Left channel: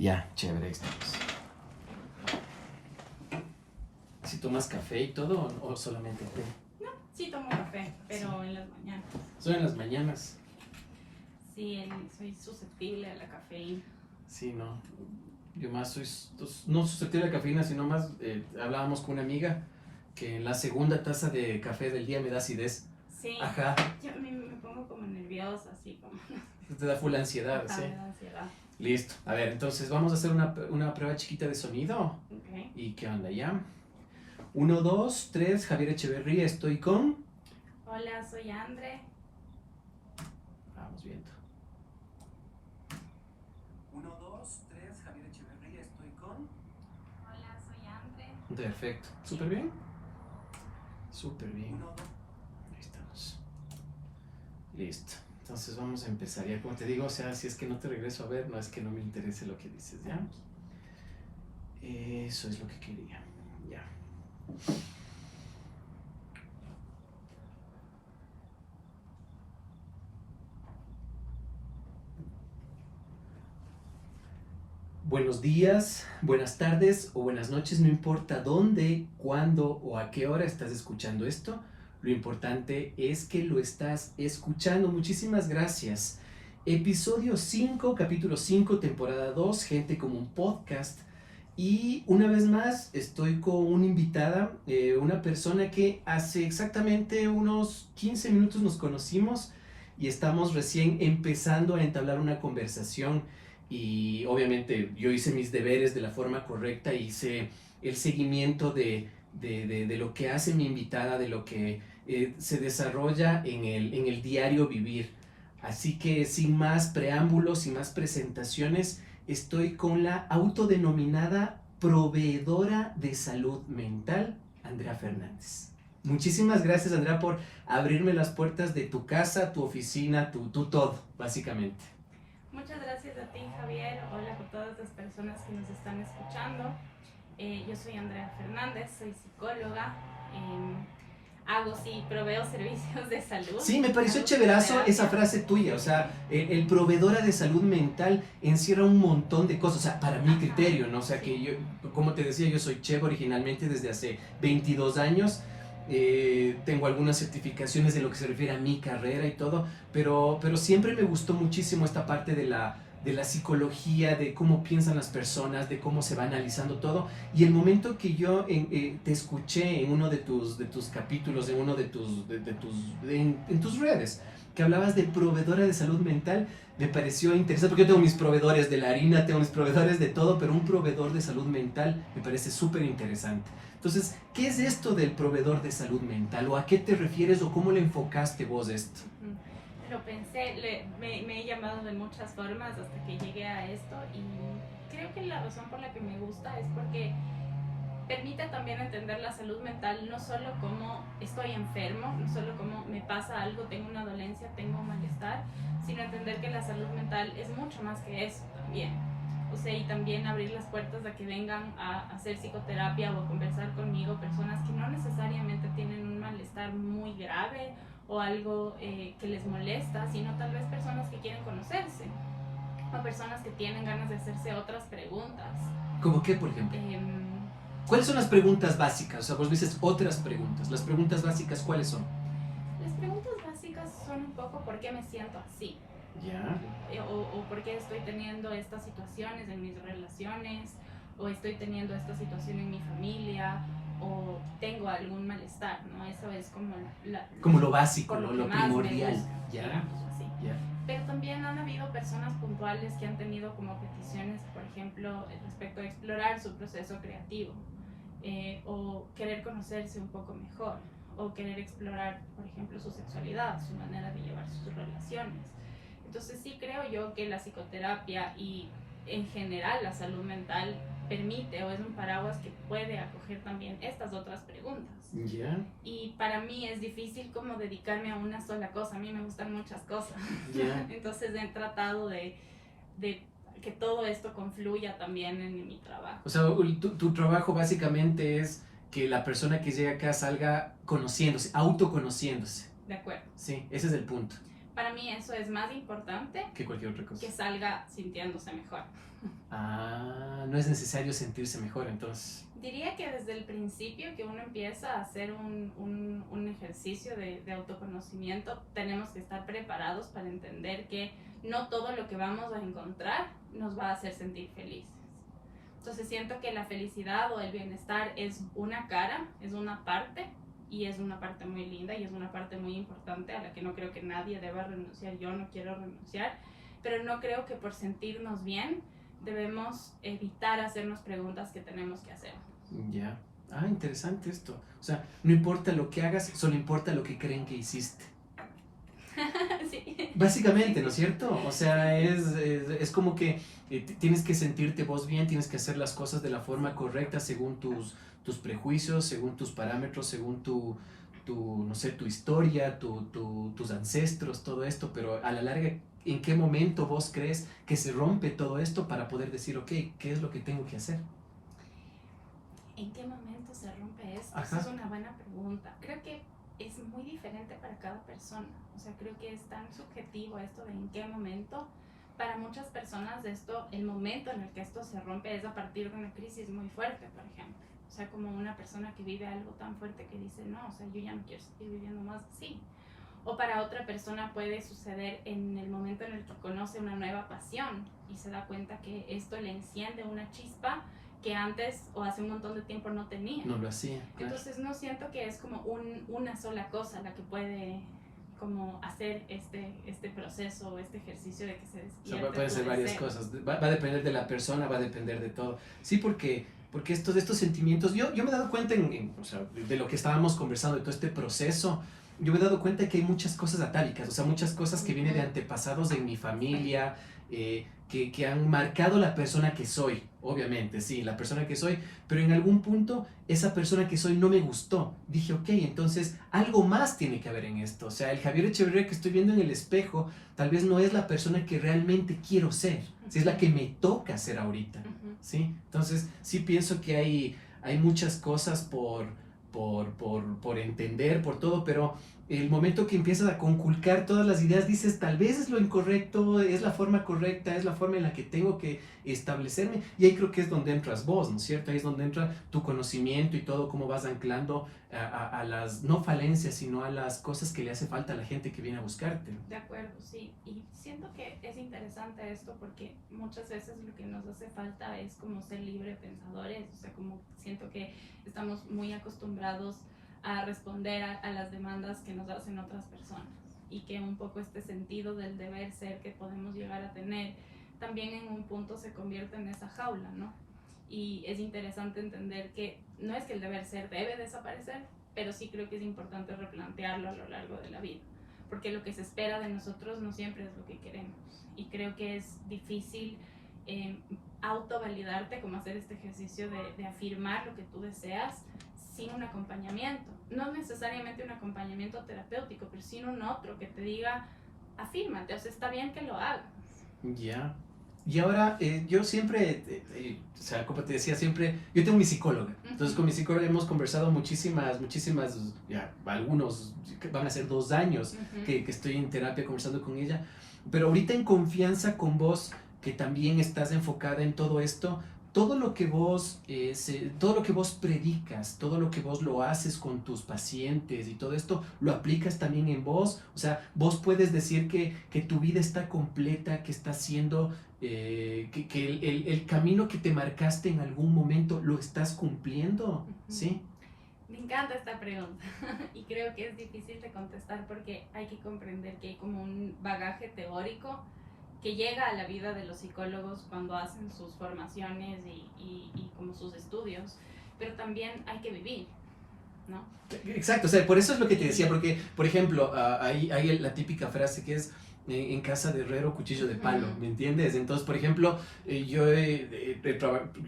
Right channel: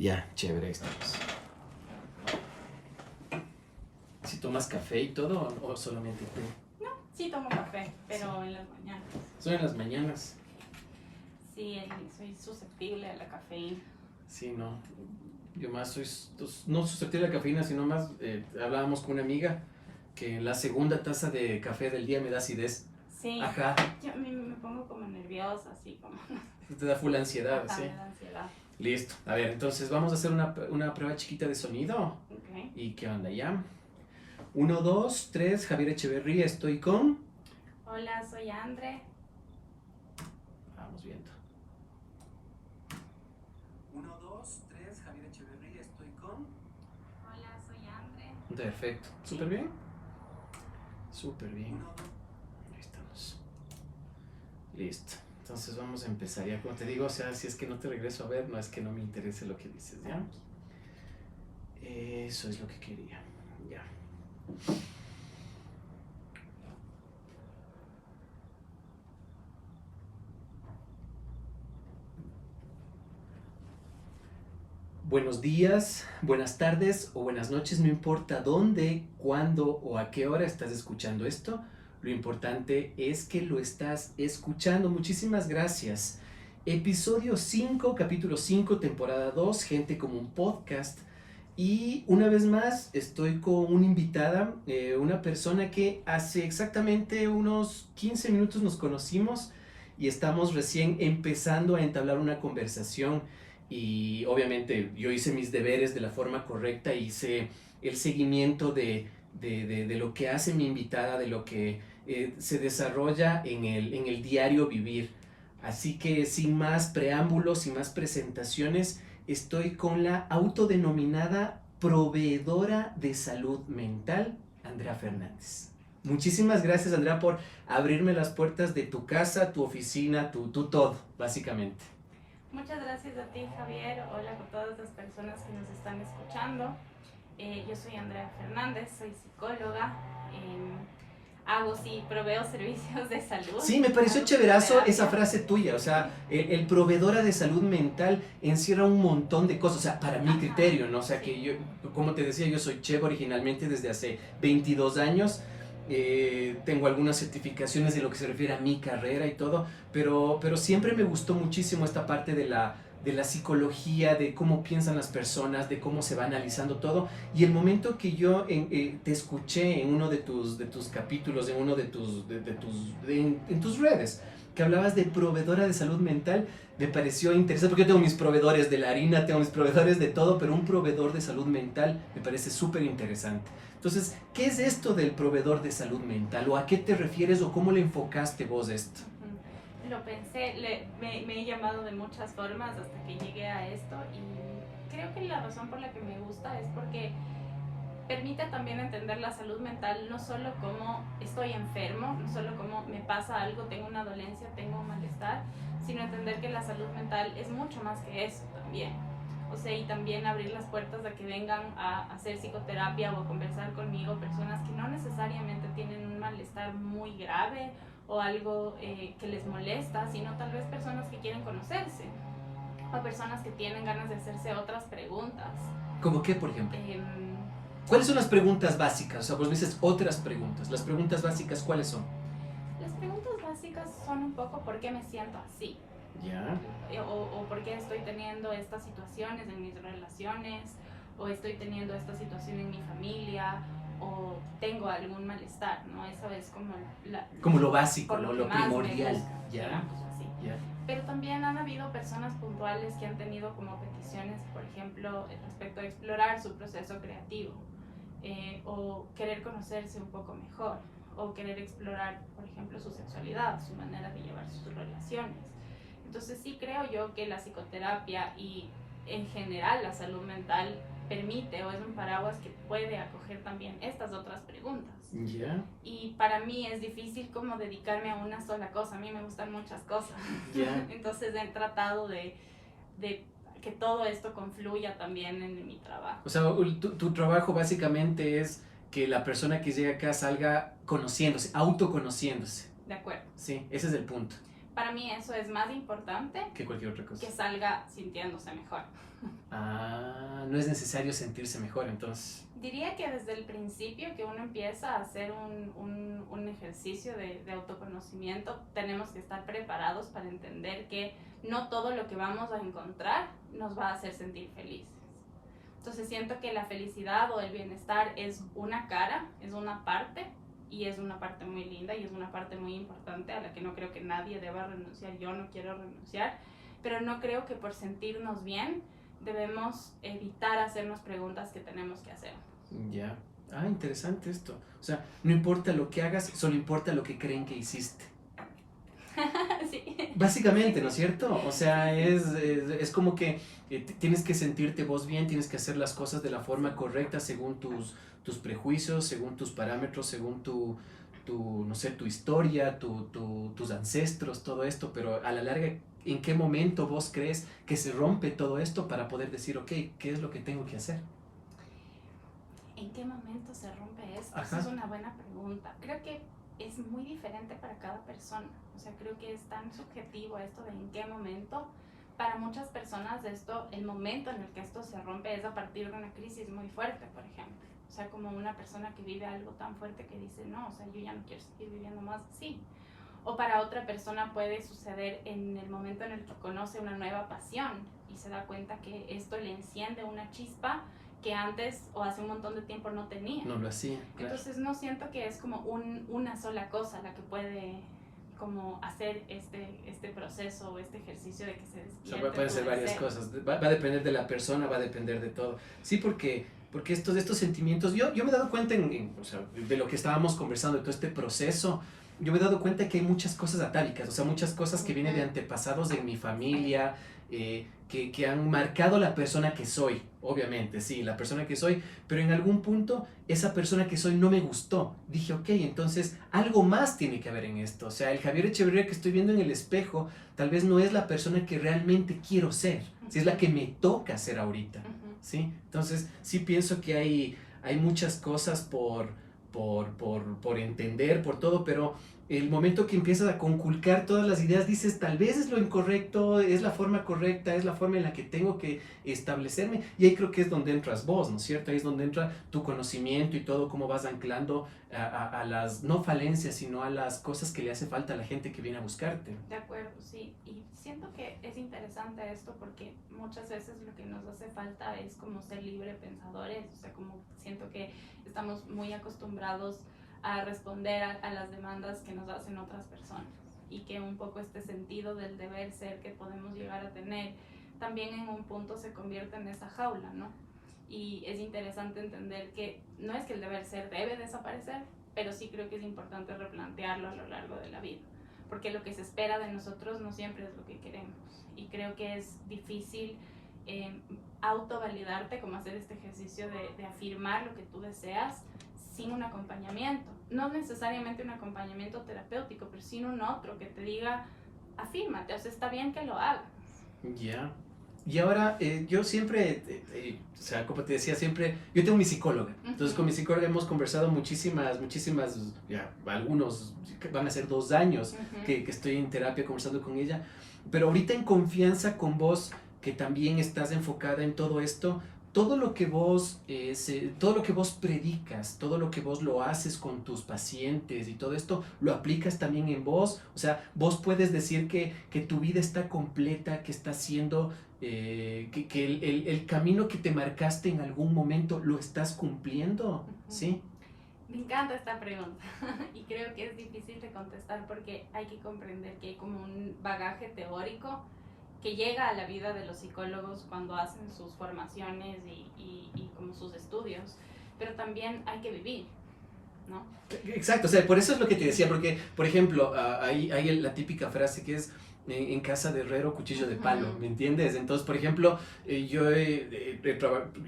Ya, chévere, ahí estamos. ¿Si tomas café y todo o solamente té? No, sí tomo café, pero en las mañanas. Solo en las mañanas. Sí, soy susceptible a la cafeína. Sí, no. Yo más soy, no susceptible a la cafeína, sino más, hablábamos con una amiga que la segunda taza de café del día me da acidez. Sí, Ajá. yo me pongo como nerviosa, así como... Te da full ansiedad, Ajá, sí. me da ansiedad. Listo. A ver, entonces vamos a hacer una prueba chiquita de sonido. Okay. ¿Y qué onda ya? 1, 2, 3, Javier Echeverría, estoy con... Hola, soy Andre. Vamos viendo. 1, 2, 3, Javier Echeverría, estoy con... Hola, soy Andre. Perfecto. ¿Súper bien? Súper bien. Ahí estamos. Listo. Entonces vamos a empezar. Ya como te digo, o sea, si es que no te regreso a ver, no es que no me interese lo que dices, ¿ya? Eso es lo que quería. Ya. Buenos días, buenas tardes o buenas noches, no importa dónde, cuándo o a qué hora estás escuchando esto. Lo importante es que lo estás escuchando. Muchísimas gracias. Episodio 5, capítulo 5, temporada 2, Gente como un podcast. Y una vez más estoy con una invitada, una persona que hace exactamente unos 15 minutos nos conocimos y estamos recién empezando a entablar una conversación. Y obviamente yo hice mis deberes de la forma correcta, hice el seguimiento de lo que hace mi invitada, de lo que se desarrolla en el diario vivir. Así que sin más preámbulos, sin más presentaciones, estoy con la autodenominada proveedora de salud mental, Andrea Fernández. Muchísimas gracias, Andrea, por abrirme las puertas de tu casa, tu oficina, tu todo, básicamente. Muchas gracias a ti, Javier. Hola a todas las personas que nos están escuchando. Yo soy Andrea Fernández, soy psicóloga. Proveo servicios de salud. Sí, me pareció chéverazo esa frase tuya, o sea, el proveedora de salud mental encierra un montón de cosas, o sea, para mi criterio, ¿no? O sea, que yo, como te decía, yo soy chef originalmente desde hace 22 años, tengo algunas certificaciones de lo que se refiere a mi carrera y todo, pero siempre me gustó muchísimo esta parte de la psicología, de cómo piensan las personas, de cómo se va analizando todo. Y el momento que yo te escuché en uno de tus capítulos, en uno en tus redes, que hablabas de proveedora de salud mental, me pareció interesante, porque yo tengo mis proveedores de la harina, tengo mis proveedores de todo, pero un proveedor de salud mental me parece súper interesante. Entonces, ¿qué es esto del proveedor de salud mental? ¿O a qué te refieres o cómo le enfocaste vos esto? Lo pensé, me he llamado de muchas formas hasta que llegué a esto, y creo que la razón por la que me gusta es porque permite también entender la salud mental no solo como estoy enfermo, no solo como me pasa algo, tengo una dolencia, tengo un malestar, sino entender que la salud mental es mucho más que eso también. O sea, y también abrir las puertas a que vengan a hacer psicoterapia o a conversar conmigo personas que no necesariamente tienen un malestar muy grave o algo que les molesta, sino tal vez personas que quieren conocerse o personas que tienen ganas de hacerse otras preguntas. ¿Cómo qué, por ejemplo? ¿Cuáles son las preguntas básicas? O sea, vos dices otras preguntas. ¿Las preguntas básicas cuáles son? Las preguntas básicas son un poco por qué me siento así. Ya. O por qué estoy teniendo estas situaciones en mis relaciones, o estoy teniendo esta situación en mi familia, o tengo algún malestar, ¿no? Eso es como lo básico, lo primordial. Ya. Así. Ya. Pero también han habido personas puntuales que han tenido como peticiones, por ejemplo, respecto a explorar su proceso creativo, o querer conocerse un poco mejor, o querer explorar, por ejemplo, su sexualidad, su manera de llevar sus relaciones. Entonces sí creo yo que la psicoterapia y en general la salud mental permite o es un paraguas que puede acoger también estas otras preguntas. Yeah. Y para mí es difícil como dedicarme a una sola cosa, a mí me gustan muchas cosas. Yeah. Entonces he tratado de que todo esto confluya también en mi trabajo. O sea, tu trabajo básicamente es que la persona que llega acá salga conociéndose, autoconociéndose. De acuerdo. Sí, ese es el punto. Para mí eso es más importante que cualquier otra cosa. Que salga sintiéndose mejor. No es necesario sentirse mejor, entonces. Diría que desde el principio que uno empieza a hacer un ejercicio de autoconocimiento, tenemos que estar preparados para entender que no todo lo que vamos a encontrar nos va a hacer sentir felices. Entonces siento que la felicidad o el bienestar es una cara, es una parte, y es una parte muy linda y es una parte muy importante a la que no creo que nadie deba renunciar. Yo no quiero renunciar, pero no creo que por sentirnos bien debemos evitar hacernos preguntas que tenemos que hacer. Ya. Interesante esto. O sea, no importa lo que hagas, solo importa lo que creen que hiciste. Sí. Básicamente, ¿no es cierto? O sea, es como que tienes que sentirte vos bien, tienes que hacer las cosas de la forma correcta según tus prejuicios, según tus parámetros, según no sé, tu historia, tus ancestros, todo esto, pero a la larga, ¿en qué momento vos crees que se rompe todo esto para poder decir, ok, ¿qué es lo que tengo que hacer? ¿En qué momento se rompe esto? Ajá. Esa es una buena pregunta. Creo que es muy diferente para cada persona. O sea, creo que es tan subjetivo esto de en qué momento. Para muchas personas esto, el momento en el que esto se rompe es a partir de una crisis muy fuerte, por ejemplo. O sea, como una persona que vive algo tan fuerte que dice, no, o sea, yo ya no quiero seguir viviendo más así. O para otra persona puede suceder en el momento en el que conoce una nueva pasión y se da cuenta que esto le enciende una chispa que antes o hace un montón de tiempo no tenía. No lo hacía, claro. Entonces no siento que es como una sola cosa la que puede como hacer este proceso o este ejercicio de que se despierte. O sea, pueden ser varias cosas. Va a depender de la persona, va a depender de todo. Sí, porque estos sentimientos, yo me he dado cuenta o sea, de lo que estábamos conversando, de todo este proceso, yo me he dado cuenta que hay muchas cosas atávicas, o sea, muchas cosas que vienen de antepasados de mi familia, que han marcado la persona que soy, obviamente, sí, la persona que soy, pero en algún punto esa persona que soy no me gustó. Dije, ok, entonces algo más tiene que haber en esto. O sea, el Javier Echeverría que estoy viendo en el espejo tal vez no es la persona que realmente quiero ser, si es la que me toca ser ahorita, ¿sí? Entonces sí pienso que hay muchas cosas por entender, por todo, pero el momento que empiezas a conculcar todas las ideas, dices, tal vez es lo incorrecto, es la forma correcta, es la forma en la que tengo que establecerme. Y ahí creo que es donde entras vos, ¿no es cierto? Ahí es donde entra tu conocimiento y todo, cómo vas anclando a las, no falencias, sino a las cosas que le hace falta a la gente que viene a buscarte. De acuerdo, sí. Y siento que es interesante esto porque muchas veces lo que nos hace falta es como ser libre pensadores. O sea, como siento que estamos muy acostumbrados a responder a las demandas que nos hacen otras personas y que un poco este sentido del deber ser que podemos llegar a tener también en un punto se convierte en esa jaula, ¿no? Y es interesante entender que no es que el deber ser debe desaparecer, pero sí creo que es importante replantearlo a lo largo de la vida, porque lo que se espera de nosotros no siempre es lo que queremos y creo que es difícil autovalidarte, como hacer este ejercicio de afirmar lo que tú deseas sin un acompañamiento, no necesariamente un acompañamiento terapéutico, pero sin un otro que te diga, afírmate, o sea, está bien que lo hagas. Ya. Y ahora, yo siempre, o sea, como te decía, siempre, yo tengo mi psicóloga, entonces con mi psicóloga hemos conversado muchísimas, ya, algunos, van a ser 2 años que estoy en terapia conversando con ella, pero ahorita en confianza con vos, que también estás enfocada en todo esto, todo lo que vos predicas, todo lo que vos lo haces con tus pacientes y todo esto, lo aplicas también en vos. O sea, vos puedes decir que tu vida está completa, que está siendo, que el camino que te marcaste en algún momento lo estás cumpliendo, ¿sí? Me encanta esta pregunta y creo que es difícil de contestar porque hay que comprender que hay como un bagaje teórico que llega a la vida de los psicólogos cuando hacen sus formaciones y como sus estudios, pero también hay que vivir, ¿no? Exacto, o sea, por eso es lo que te decía, porque, por ejemplo, hay la típica frase que es en casa de herrero, cuchillo de palo, ¿me entiendes? Entonces, por ejemplo, yo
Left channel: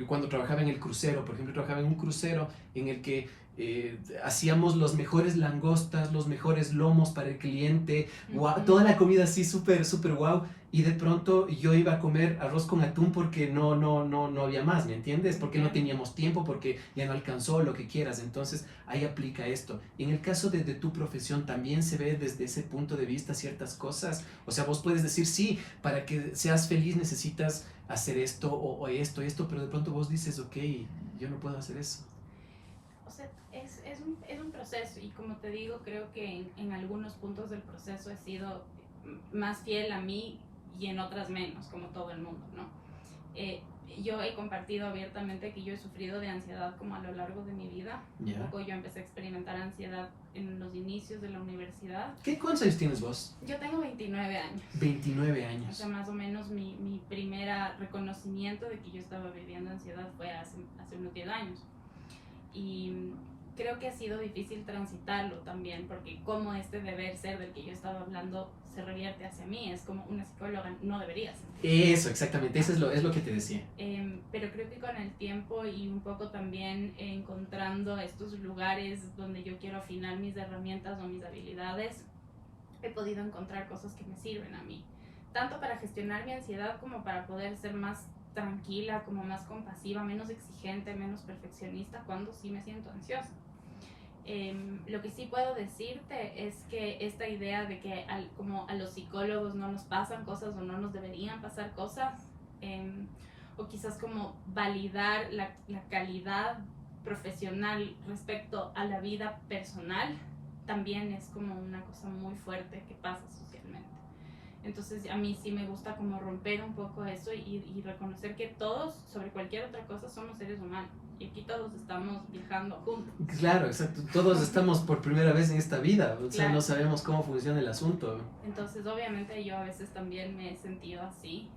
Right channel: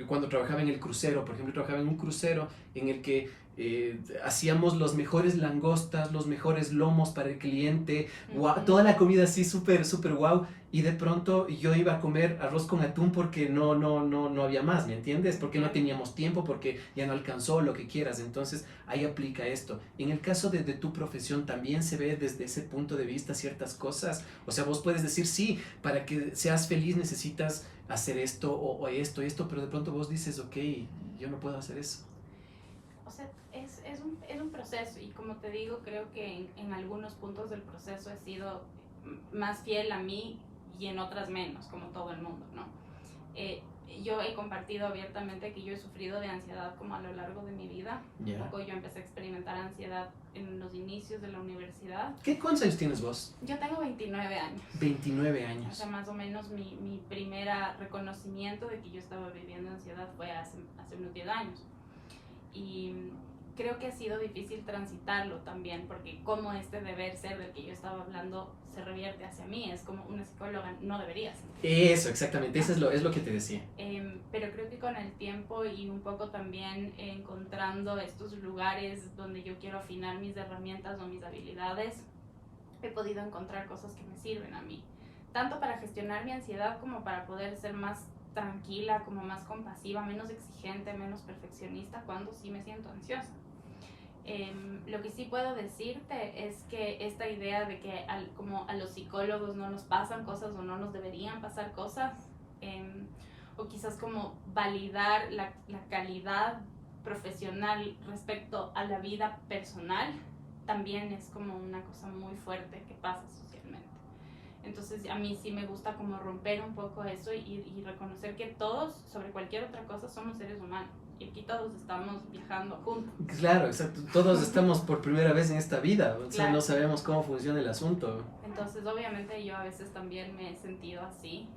cuando trabajaba en el crucero, por ejemplo, trabajaba en un crucero en el que hacíamos los mejores langostas, los mejores lomos para el cliente, wow, toda la comida así súper, súper wow, y de pronto yo iba a comer arroz con atún porque no había más, ¿me entiendes? Porque no teníamos tiempo, porque ya no alcanzó, lo que quieras. Entonces ahí aplica esto. En el caso de tu profesión también se ve desde ese punto de vista ciertas cosas. O sea, vos puedes decir, sí, para que seas feliz necesitas hacer esto o esto y esto, pero de pronto vos dices, ok, yo no puedo hacer eso. O sea, es un proceso y como te digo, creo que en algunos puntos del proceso he sido más fiel a mí y en otras menos, como todo el mundo, ¿no? Yo he compartido abiertamente que yo he sufrido de ansiedad como a lo largo de mi vida. Yeah. Un poco yo empecé a experimentar ansiedad en los inicios de la universidad. ¿Cuántos años tienes vos? Yo tengo 29 años. 29 años. O sea, más o menos mi primera reconocimiento de que yo estaba viviendo ansiedad fue hace unos 10 años. Y creo que ha sido difícil transitarlo también, porque como este deber ser del que yo estaba hablando se revierte hacia mí, es como una psicóloga no debería ser. Eso, exactamente, eso es lo que te decía. Pero creo que con el tiempo y un poco también encontrando estos lugares donde yo quiero afinar mis herramientas o mis habilidades, he podido encontrar cosas que me sirven a mí, tanto para gestionar mi ansiedad como para poder ser más tranquila, como más compasiva, menos exigente, menos perfeccionista cuando sí me siento ansiosa. Lo que sí puedo decirte es que esta idea de que como a los psicólogos no nos pasan cosas o no nos deberían pasar cosas, o quizás como validar la calidad profesional respecto a la vida personal, también es como una cosa muy fuerte que pasa socialmente. Entonces a mí sí me gusta como romper un poco eso y reconocer que todos, sobre cualquier otra cosa, somos seres humanos. Y aquí todos estamos viajando juntos. Claro, exacto. Todos estamos por primera vez en esta vida. O sea, Claro. no sabemos cómo funciona el asunto. Entonces obviamente yo a veces también me he sentido así.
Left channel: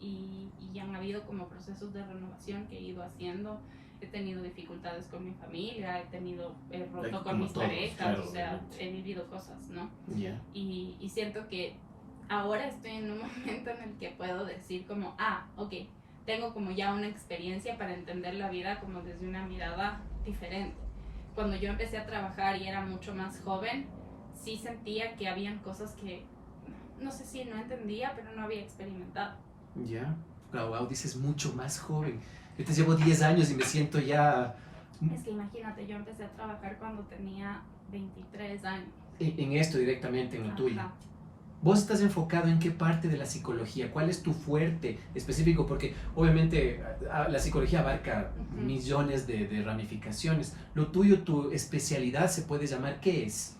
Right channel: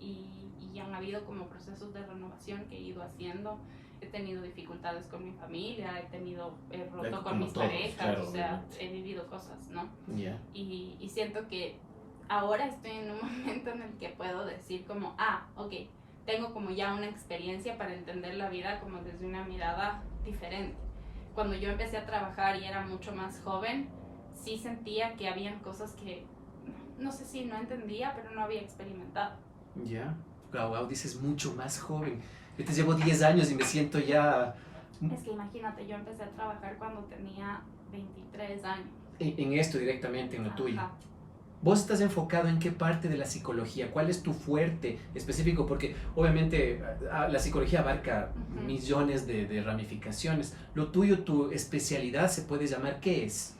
Y han habido como procesos de renovación que he ido haciendo. He tenido dificultades con mi familia, he roto con mis parejas, claro, o sea, obviamente. He vivido cosas, ¿no? Yeah. Y siento que ahora estoy en un momento en el que puedo decir como, ok, tengo como ya una experiencia para entender la vida como desde una mirada diferente. Cuando yo empecé a trabajar y era mucho más joven, sí sentía que habían cosas que, no sé si no entendía, pero no había experimentado. Ya, wow, dices mucho más joven. Yo te llevo 10 años y me siento ya... Es que imagínate, yo empecé a trabajar cuando tenía 23 años. En esto directamente, en lo tuyo. Ajá. ¿Vos estás enfocado en qué parte de la psicología? ¿Cuál es tu fuerte específico? Porque obviamente la psicología abarca millones de ramificaciones. Lo tuyo, tu especialidad, ¿se puede llamar qué es?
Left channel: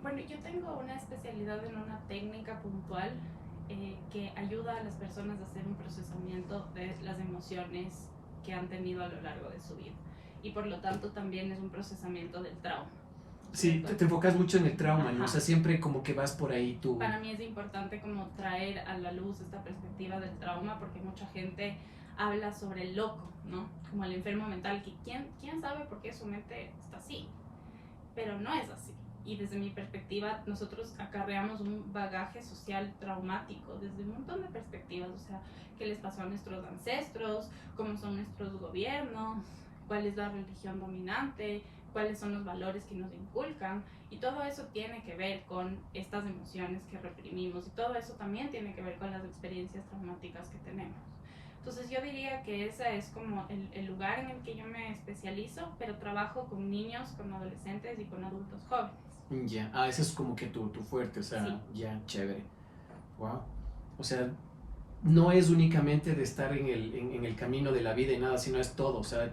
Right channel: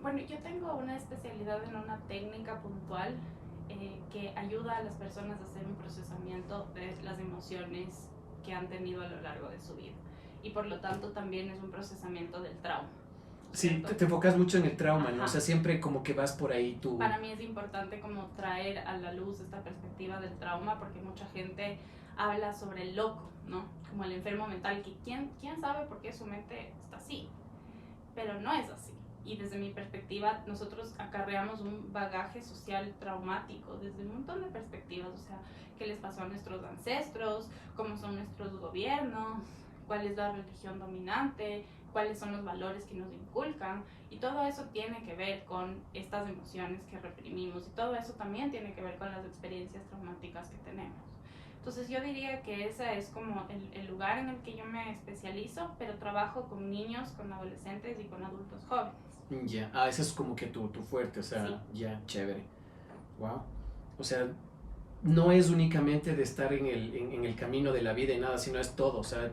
Bueno, yo tengo una especialidad en una técnica puntual que ayuda a las personas a hacer un procesamiento de las emociones que han tenido a lo largo de su vida. Y por lo tanto también es un procesamiento del trauma. Sí, te enfocas mucho en el trauma, ¿no? Ajá. O sea, siempre como que vas por ahí tú. Para mí es importante como traer a la luz esta perspectiva del trauma, porque mucha gente habla sobre el loco, ¿no? Como el enfermo mental, que ¿quién sabe por qué su mente está así? Pero no es así. Y desde mi perspectiva, nosotros acarreamos un bagaje social traumático desde un montón de perspectivas, o sea, qué les pasó a nuestros ancestros, cómo son nuestros gobiernos, cuál es la religión dominante, cuáles son los valores que nos inculcan, y todo eso tiene que ver con estas emociones que reprimimos, y todo eso también tiene que ver con las experiencias traumáticas que tenemos. Entonces yo diría que ese es como el lugar en el que yo me especializo, pero trabajo con niños, con adolescentes y con adultos jóvenes. Ya, ese es como que tu fuerte, o sea, sí. Ya, chévere. Wow. O sea, no es únicamente de estar en el camino de la vida y nada, sino es todo, o sea,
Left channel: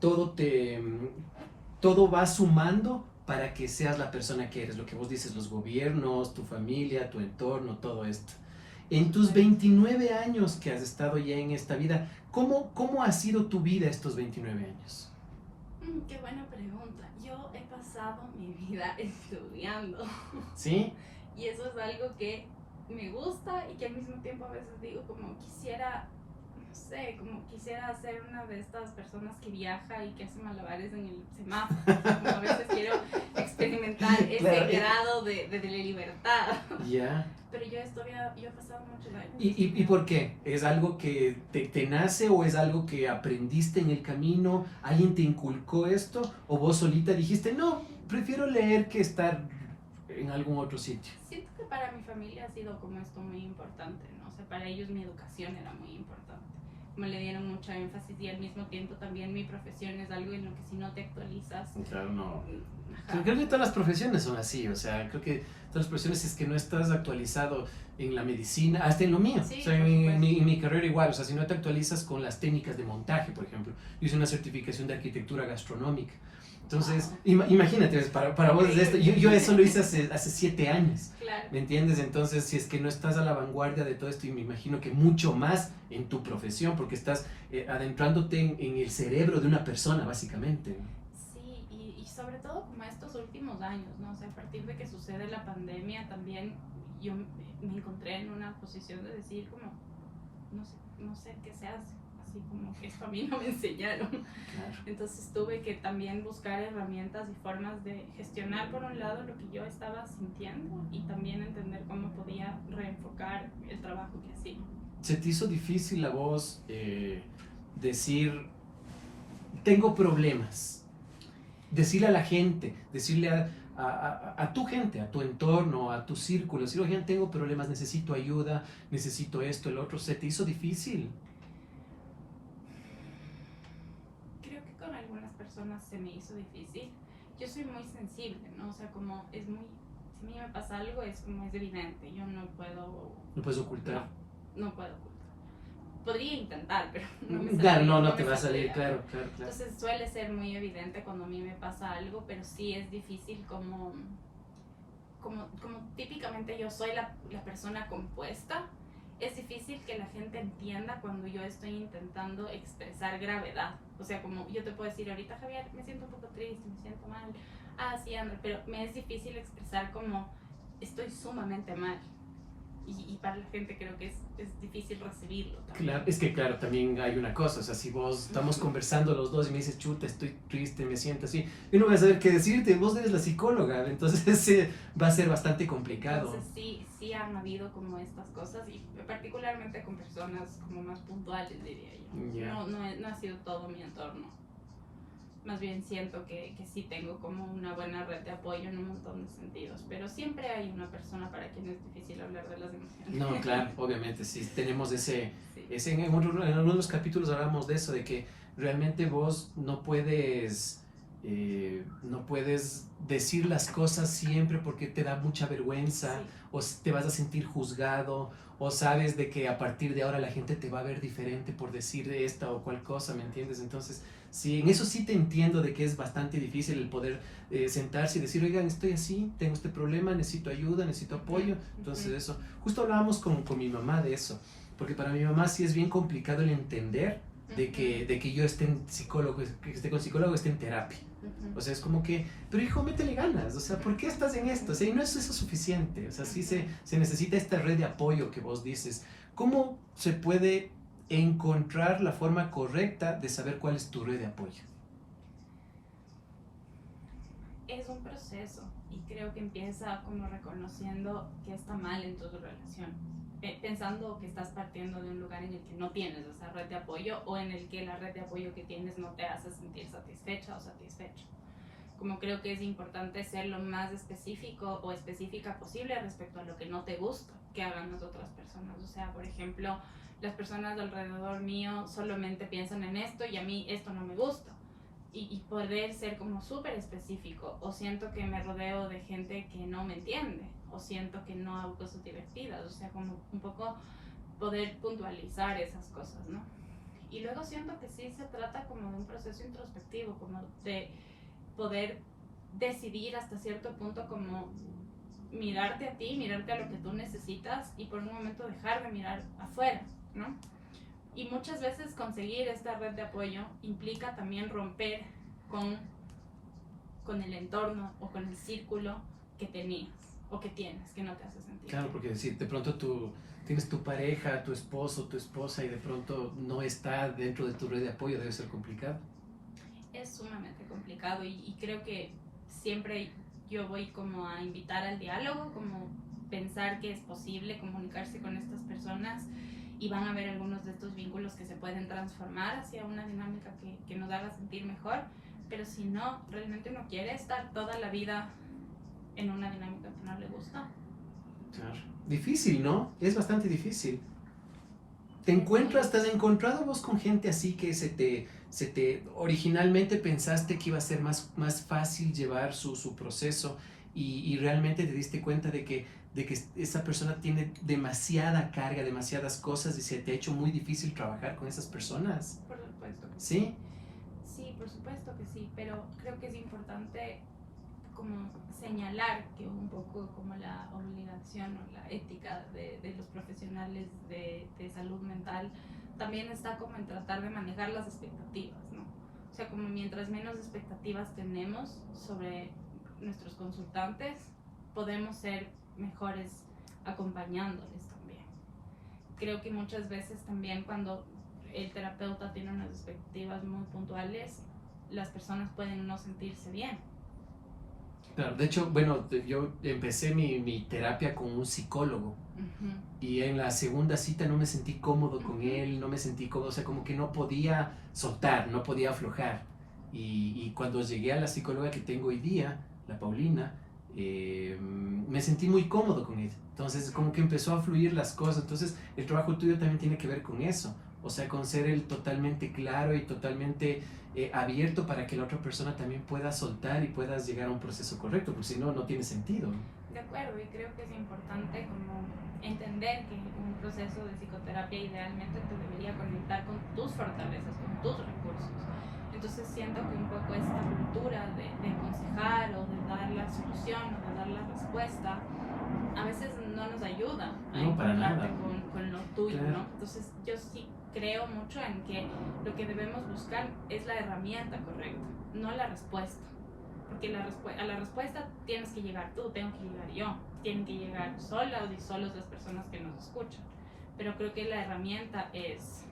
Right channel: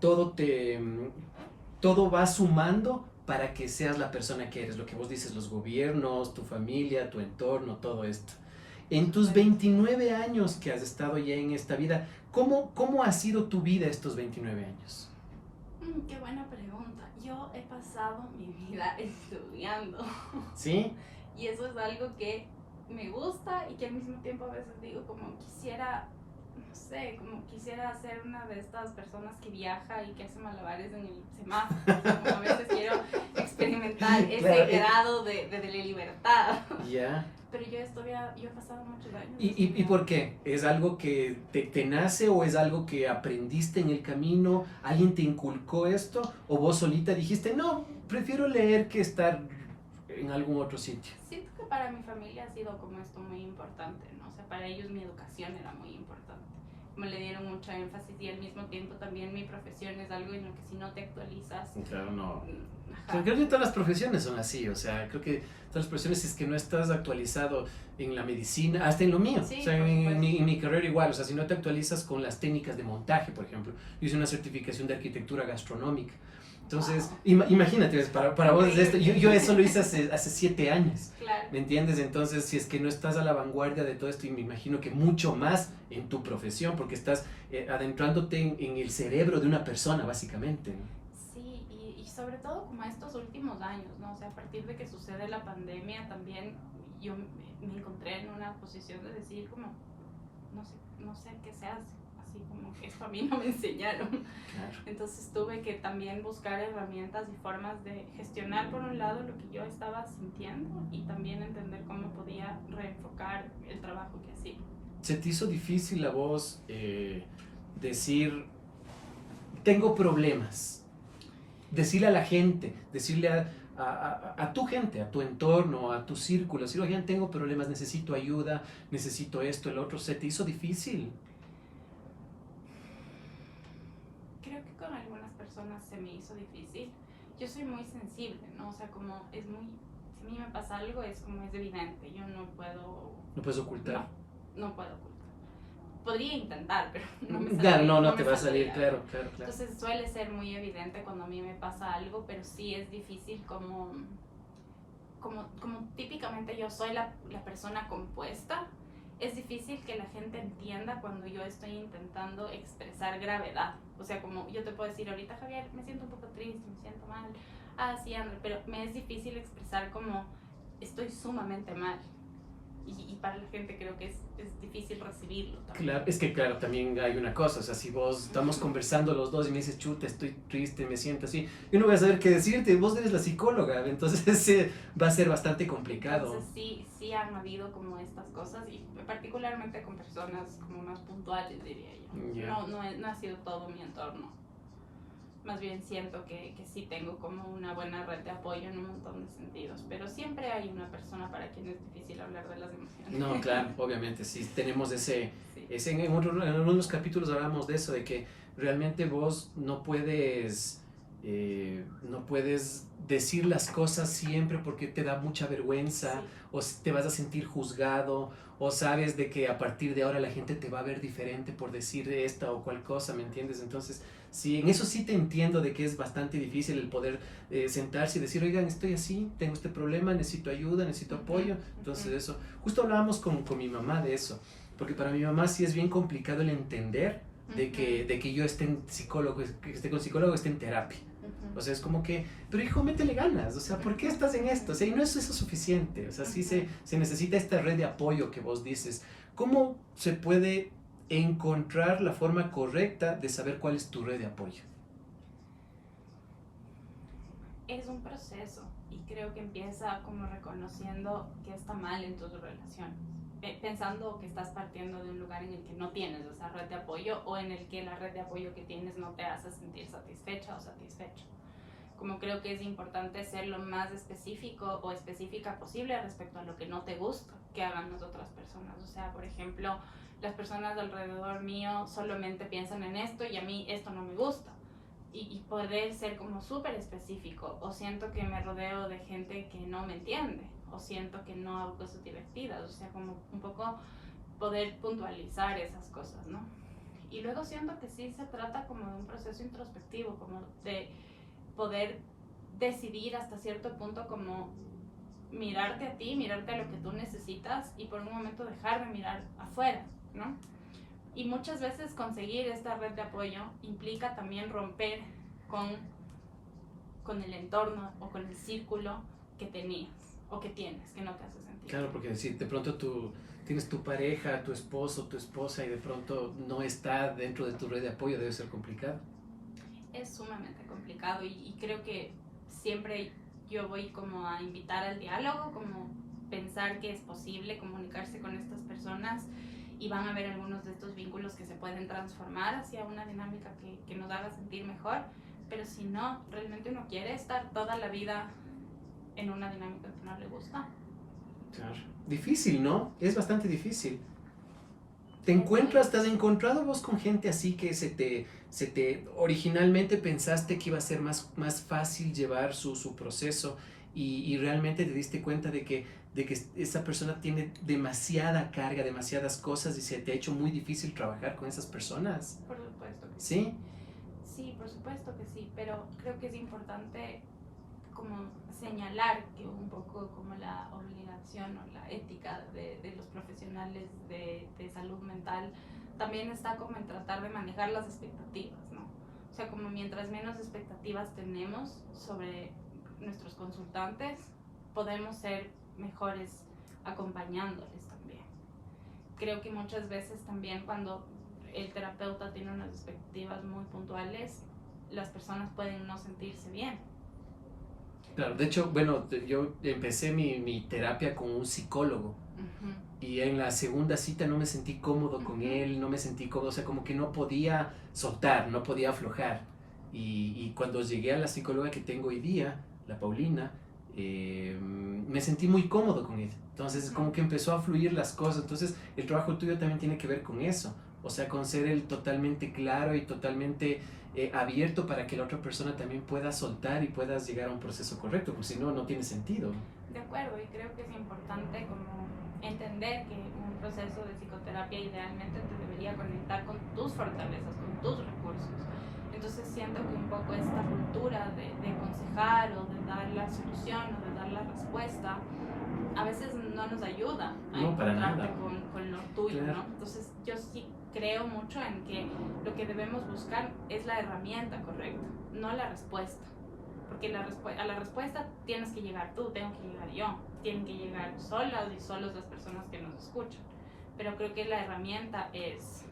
todo va sumando para que seas la persona que eres, lo que vos dices, los gobiernos, tu familia, tu entorno, todo esto. En tus 29 años que has estado ya en esta vida, ¿cómo ha sido tu vida estos 29 años? Qué buena pregunta. Yo he pasado mi vida estudiando. ¿Sí? Y eso es algo que me gusta y que al mismo tiempo a veces digo como quisiera, no sé, como quisiera ser una de estas personas que viaja y que hace malabares en el semáforo. O sea, como a veces quiero experimentar ese Claro. grado de libertad. Ya. Pero yo he pasado muchos años. ¿Y por qué? ¿Es algo que te nace o es algo que aprendiste en el camino? ¿Alguien te inculcó esto? ¿O vos solita dijiste, no, prefiero leer que estar en algún otro sitio? Siento que para mi familia ha sido como esto muy importante, ¿no? O sea, para ellos mi educación era muy importante. Me le dieron mucho énfasis y al mismo tiempo también mi profesión es algo en lo que si no te actualizas... Claro, no. Ajá. Creo que todas las profesiones son así, o sea, creo que todas las profesiones, si es que no estás actualizado en la medicina, hasta en lo mío, Sí, o sea, por supuesto. en mi carrera igual, o sea, si no te actualizas con las técnicas de montaje, por ejemplo, yo hice una certificación de arquitectura gastronómica, entonces, Wow. imagínate, para vos es esto, yo eso lo hice hace 7 años, Claro. ¿me entiendes? Entonces, si es que no estás a la vanguardia de todo esto, y me imagino que mucho más en tu profesión, porque estás adentrándote en el cerebro de una persona, básicamente, ¿no? Sí, y sobre todo como estos últimos años, ¿no? O sea, a partir de que sucede la pandemia también yo me encontré en una posición de decir como, no sé qué se hace, así como que esto a mí no me enseñaron. Claro. Entonces tuve que también buscar herramientas y formas de gestionar por un lado lo que yo estaba sintiendo y también entender cómo podía reenfocar el trabajo que hacía. ¿Se te hizo difícil a vos decir, tengo problemas? Decirle a la gente, decirle a tu gente, a tu entorno, a tu círculo, decir, oigan, tengo problemas, necesito ayuda, necesito esto, el otro. ¿Se te hizo difícil? Creo que con algunas personas se me hizo difícil. Yo soy muy sensible, ¿no? O sea, como es muy... Si a mí me pasa algo es como es evidente, yo no puedo... No puedes ocultar. No puedo ocultar. Podría intentar, pero no me Claro, saldría, no me te va a salir, saldría. claro. Entonces suele ser muy evidente cuando a mí me pasa algo, pero sí es difícil como típicamente yo soy la persona compuesta, es difícil que la gente entienda cuando yo estoy intentando expresar gravedad. O sea, como yo te puedo decir ahorita, Javier, me siento un poco triste, me siento mal, sí, André, pero me es difícil expresar como estoy sumamente mal. Y para la gente creo que es difícil recibirlo también. Claro, es que claro, también hay una cosa, o sea, si vos estamos conversando los dos y me dices, chuta, estoy triste, me siento así, yo no voy a saber qué decirte, vos eres la psicóloga, entonces sí, va a ser bastante complicado. Entonces sí han habido como estas cosas y particularmente con personas como más puntuales, diría yo. Yeah. No ha sido todo mi entorno. Más bien siento que sí tengo como una buena red de apoyo en un montón de sentidos, pero siempre hay una persona para quien es difícil hablar de las emociones. No, claro, obviamente, sí, tenemos ese Sí. en algunos de los capítulos hablamos de eso, de que realmente vos no puedes decir las cosas siempre porque te da mucha vergüenza, Sí. o te vas a sentir juzgado, o sabes de que a partir de ahora la gente te va a ver diferente por decir esta o cual cosa, ¿me entiendes? Entonces, sí, en eso sí te entiendo de que es bastante difícil el poder sentarse y decir, oigan, estoy así, tengo este problema, necesito ayuda, necesito apoyo. Entonces eso, justo hablábamos con mi mamá de eso, porque para mi mamá sí es bien complicado el entender de que yo esté en psicólogo, que esté con psicólogo, esté en terapia. O sea, es como que, pero hijo, métele ganas, o sea, ¿por qué estás en esto? O sea, y no es eso suficiente, o sea, sí se necesita esta red de apoyo que vos dices. ¿Cómo se puede encontrar la forma correcta de saber cuál es tu red de apoyo? Es un proceso y creo que empieza como reconociendo que está mal en tus relaciones, pensando que estás partiendo de un lugar en el que no tienes esa red de apoyo o en el que la red de apoyo que tienes no te hace sentir satisfecha o satisfecho. Como creo que es importante ser lo más específico o específica posible respecto a lo que no te gusta que hagan las otras personas. O sea, por ejemplo, las personas alrededor mío solamente piensan en esto y a mí esto no me gusta. Y poder ser como súper específico, o siento que me rodeo de gente que no me entiende, o siento que no hago cosas divertidas, o sea, como un poco poder puntualizar esas cosas, ¿no? Y luego siento que sí se trata como de un proceso introspectivo, como de poder decidir hasta cierto punto como mirarte a ti, mirarte a lo que tú necesitas y por un momento dejar de mirar afuera, ¿no? Y muchas veces conseguir esta red de apoyo implica también romper con el entorno o con el círculo que tenías. o que tienes, que no te hace sentir Claro, bien. porque decir, de pronto tú tienes tu pareja, tu esposo, tu esposa y de pronto no está dentro de tu red de apoyo, debe ser complicado. Es sumamente complicado y creo que siempre yo voy como a invitar al diálogo, como pensar que es posible comunicarse con estas personas y van a haber algunos de estos vínculos que se pueden transformar hacia una dinámica que nos haga sentir mejor, pero si no, realmente uno quiere estar toda la vida en una dinámica que no le gusta. Claro. Difícil, ¿no? Es bastante difícil. ¿Te has Es, encontrado vos con gente así que originalmente pensaste que iba a ser más fácil llevar su proceso y realmente te diste cuenta de que esa persona tiene demasiada carga, demasiadas cosas y se te ha hecho muy difícil trabajar con esas personas? por supuesto que sí. ¿Sí? Sí, por supuesto que sí, pero creo que es importante como señalar que un poco como la obligación o la ética de los profesionales de salud mental también está como en tratar de manejar las expectativas, ¿no? O sea, como mientras menos expectativas tenemos sobre nuestros consultantes, podemos ser mejores acompañándoles también. Creo que muchas veces también cuando el terapeuta tiene unas expectativas muy puntuales, las personas pueden no sentirse bien. Claro, de hecho, bueno, yo empecé mi terapia con un psicólogo Uh-huh. y en la segunda cita no me sentí cómodo con Uh-huh. él, no me sentí cómodo, o sea, como que no podía soltar, no podía aflojar. Y cuando llegué a la psicóloga que tengo hoy día, la Paulina, me sentí muy cómodo con ella. Entonces, como que empezó a fluir las cosas. Entonces, el trabajo tuyo también tiene que ver con eso. O sea, con ser el totalmente claro y totalmente abierto para que la otra persona también pueda soltar y puedas llegar a un proceso correcto, porque si no, no tiene sentido. De acuerdo, y creo que es importante como entender que un proceso de psicoterapia idealmente te debería conectar con tus fortalezas, con tus recursos. Entonces siento que un poco esta cultura de aconsejar o de dar la solución o de dar la respuesta a veces no nos ayuda a No, para encontrarte nada. con lo tuyo, Claro. ¿no? Entonces yo sí creo mucho en que lo que debemos buscar es la herramienta correcta, no la respuesta. Porque a la respuesta tienes que llegar tú, tengo que llegar yo, tienen que llegar solas y solos las personas que nos escuchan. Pero creo que la herramienta es...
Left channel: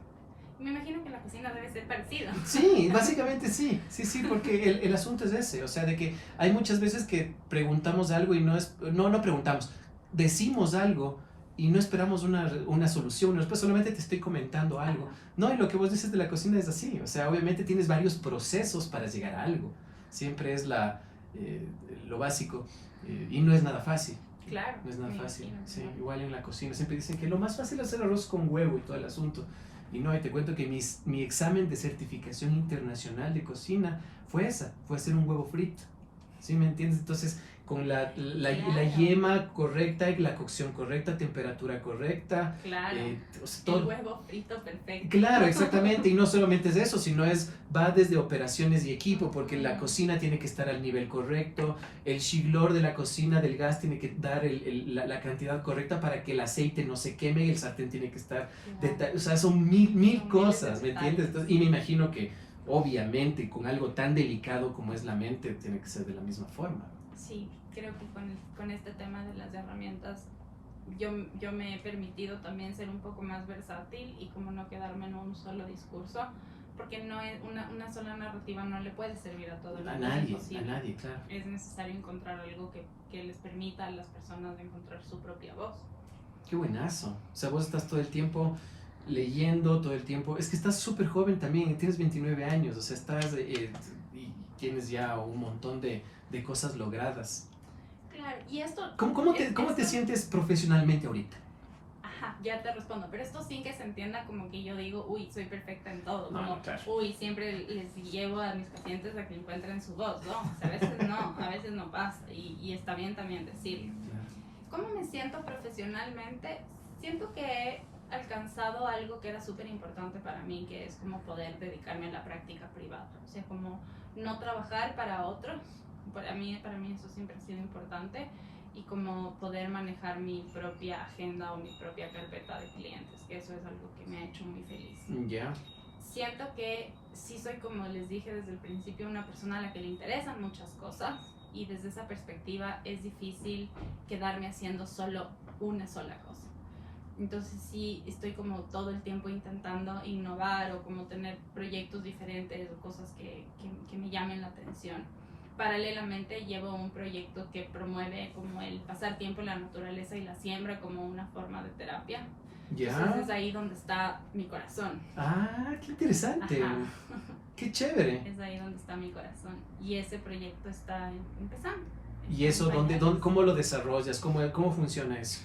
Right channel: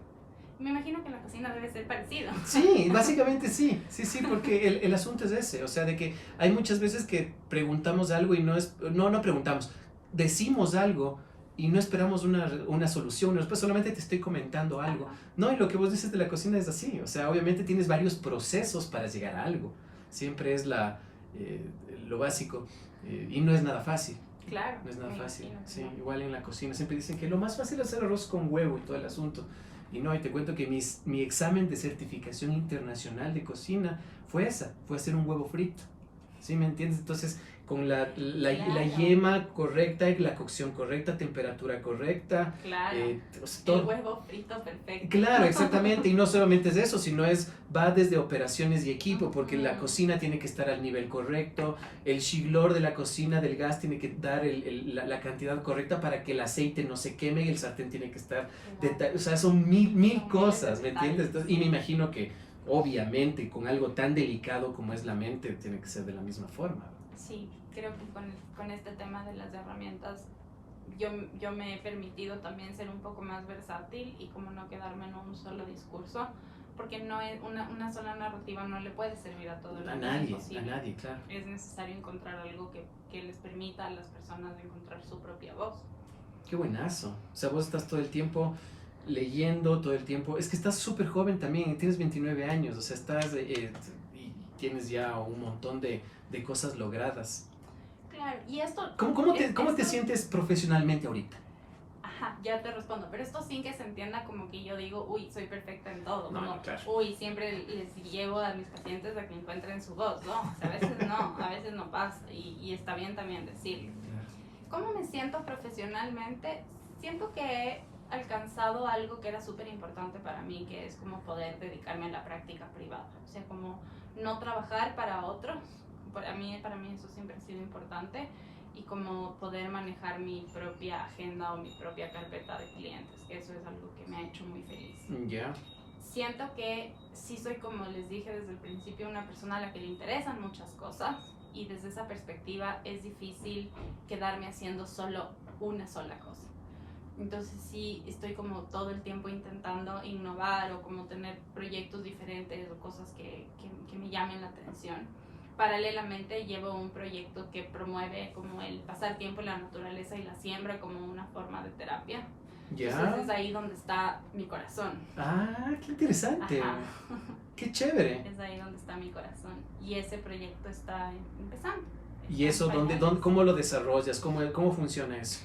Me imagino que en la cocina debe ser parecido. Sí, básicamente sí, sí, porque el asunto es ese, o sea, de que hay muchas veces que preguntamos algo y no preguntamos, decimos algo y no esperamos una solución, después solamente te estoy comentando algo. No, y lo que vos dices de la cocina es así, o sea, obviamente tienes varios procesos para llegar a algo, siempre es lo básico y no es nada fácil. Claro. No es nada fácil, Imagino, sí, claro. igual en la cocina siempre dicen que lo más fácil es hacer arroz con huevo y todo el asunto. Y no, y te cuento que mi examen de certificación internacional de cocina fue hacer un huevo frito. ¿Sí me entiendes? Entonces, con la Claro. yema correcta, la cocción correcta, temperatura correcta, Claro. todo. El huevo frito perfecto. Claro, exactamente, y no solamente es eso, sino va desde operaciones y equipo, porque la cocina tiene que estar al nivel correcto, el chiglor de la cocina del gas tiene que dar la cantidad correcta para que el aceite no se queme y el sartén tiene que estar, Claro. o sea, son mil Son cosas, miles de ¿me entiendes? detalles. Entonces, y me imagino que obviamente con algo tan delicado como es la mente tiene que ser de la misma forma. Sí, creo que con este tema de las herramientas yo me he permitido también ser un poco más versátil y como no quedarme en un solo discurso, porque no es una sola narrativa no le puede servir a todo el mundo. A nadie, claro. Es necesario encontrar algo que les permita a las personas encontrar su propia voz. Qué buenazo. O sea, vos estás todo el tiempo leyendo, todo el tiempo. Es que estás súper joven también, tienes 29 años, o sea, y tienes ya un montón de cosas logradas. Claro, y esto... ¿Cómo te sientes profesionalmente ahorita? Ajá, ya te respondo, pero esto sin que se entienda como que yo digo, uy, soy perfecta en todo, No, como, no, claro. uy, siempre les llevo a mis pacientes a que encuentren su voz, ¿no? O sea, a veces no pasa, y está bien también decirlo. Claro. ¿Cómo me siento profesionalmente? Siento que he alcanzado algo que era súper importante para mí, que es como poder dedicarme a la práctica privada, o sea, como no trabajar para otros. Para mí eso siempre ha sido importante, y como poder manejar mi propia agenda o mi propia carpeta de clientes, que eso es algo que me ha hecho muy feliz. Ya. Siento que sí soy, como les dije desde el principio, una persona a la que le interesan muchas cosas y desde esa perspectiva es difícil quedarme haciendo solo una sola cosa. Entonces sí estoy como todo el tiempo intentando innovar o como tener proyectos diferentes o cosas que me llamen la atención. Paralelamente llevo un proyecto que promueve como el pasar tiempo en la naturaleza y la siembra como una forma de terapia. ¿Ya? Entonces es ahí donde está mi corazón. Ah, qué interesante. Ajá. Qué chévere. Es ahí donde está mi corazón. Y ese proyecto está empezando. ¿Y eso cómo lo desarrollas? ¿Cómo funciona eso?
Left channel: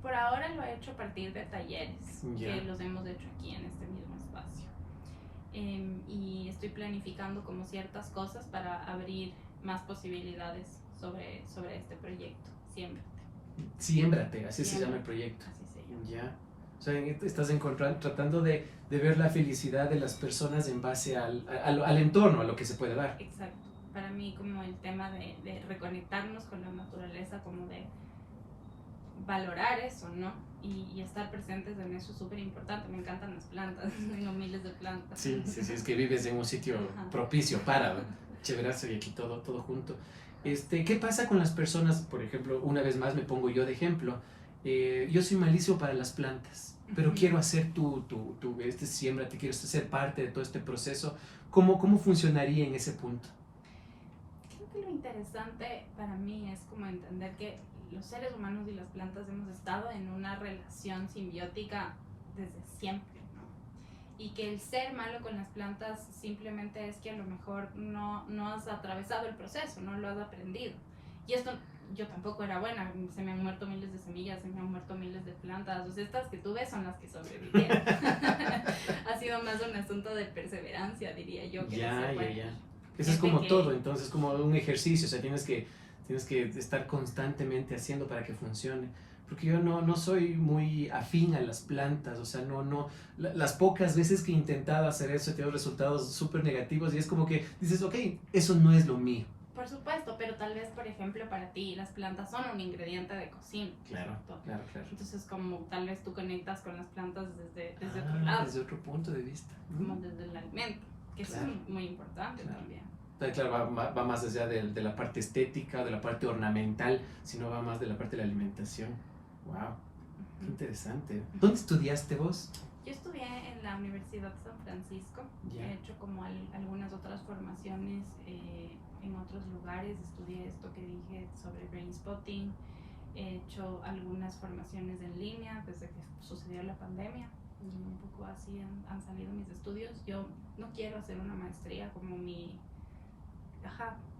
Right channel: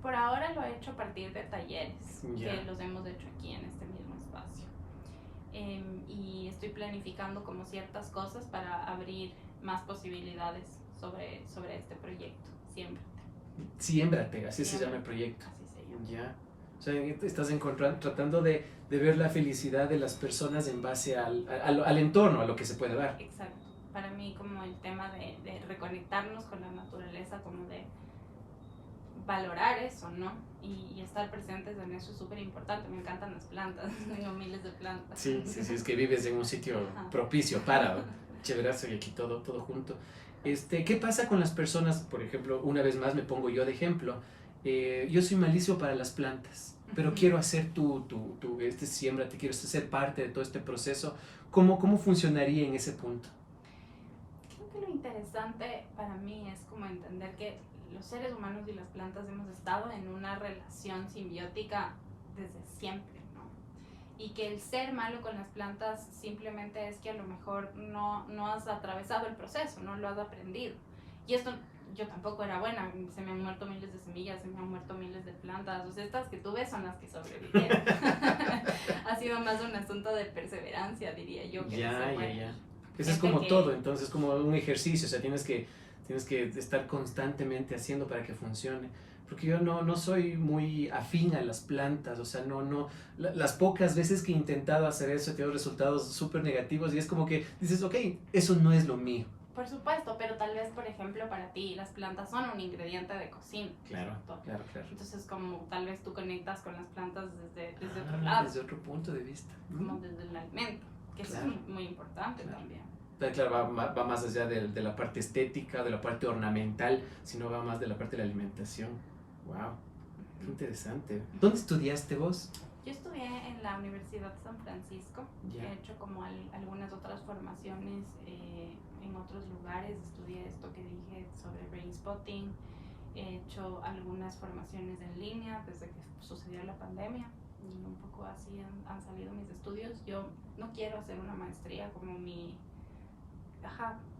Por ahora lo he hecho a partir de talleres Ya. que los hemos hecho aquí en este mismo espacio. Y estoy planificando como ciertas cosas para abrir más posibilidades sobre este proyecto. Siémbrate, así se llama el proyecto. Así se llama. Ya. O sea, estás tratando de ver la felicidad de las personas en base al entorno, a lo que se puede dar. Exacto. Para mí como el tema de reconectarnos con la naturaleza, como de valorar eso, ¿no? Y estar presentes en eso es súper importante. Me encantan las plantas, tengo miles de plantas. Sí, es que vives en un sitio propicio para, chéverazo, y aquí todo junto. ¿Qué pasa con las personas? Por ejemplo, una vez más me pongo yo de ejemplo. Yo soy malísimo para las plantas, pero quiero hacer siembrate, quiero ser parte de todo este proceso. ¿Cómo funcionaría en ese punto? Creo que lo interesante para mí es como entender que los seres humanos y las plantas hemos estado en una relación simbiótica desde siempre, ¿no? Y que el ser malo con las plantas simplemente es que a lo mejor no has atravesado el proceso, no lo has aprendido. Y esto, yo tampoco era buena, se me han muerto miles de semillas, se me han muerto miles de plantas, o sea, estas que tú ves son las que sobrevivieron. Ha sido más un asunto de perseverancia, diría yo. Que Ya. Eso es Gente como todo, entonces como un ejercicio, o sea, tienes que estar constantemente haciendo para que funcione. Porque yo no soy muy afín a las plantas, o sea, las pocas veces que he intentado hacer eso he tenido resultados súper negativos y es como que dices, ok, eso no es lo mío. Por supuesto, pero tal vez, por ejemplo, para ti las plantas son un ingrediente de cocina. Claro. Entonces, como tal vez tú conectas con las plantas desde otro lado. Desde otro punto de vista. Como desde el alimento, que eso es muy importante también. Claro, va más allá de la parte estética, de la parte ornamental, sino va más de la parte de la alimentación. Wow, qué interesante. ¿Dónde estudiaste vos? Yo estudié en la Universidad de San Francisco. He hecho como algunas otras formaciones en otros lugares. Estudié esto que dije sobre brain spotting. He hecho algunas formaciones en línea desde que sucedió la pandemia. Y un poco así han salido mis estudios. Yo no quiero hacer una maestría como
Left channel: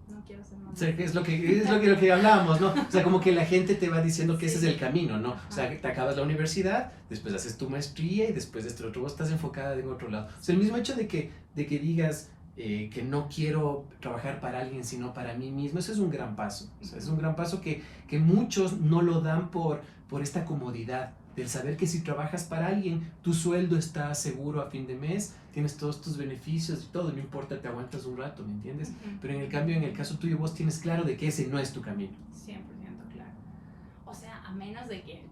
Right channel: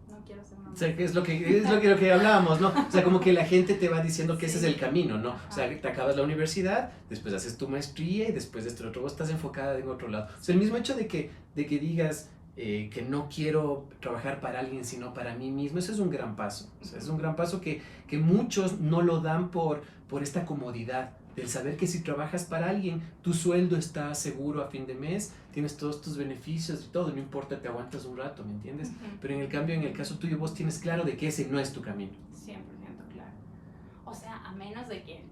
no quiero ser una maestra. O sea, es lo que hablábamos, ¿no? O sea, como que la gente te va diciendo que ese es el camino, ¿no? O sea, te acabas la universidad, después haces tu maestría y después de otro vos estás enfocada en otro lado. O sea, el mismo hecho de que digas que no quiero trabajar para alguien sino para mí mismo, eso es un gran paso. O sea, es un gran paso que muchos no lo dan por esta comodidad del saber que si trabajas para alguien, tu sueldo está seguro a fin de mes, tienes todos tus beneficios y todo, no importa, te aguantas un rato, ¿me entiendes? Pero en el caso tuyo, vos tienes claro de que ese no es tu camino. 100% claro. O sea, a menos de que,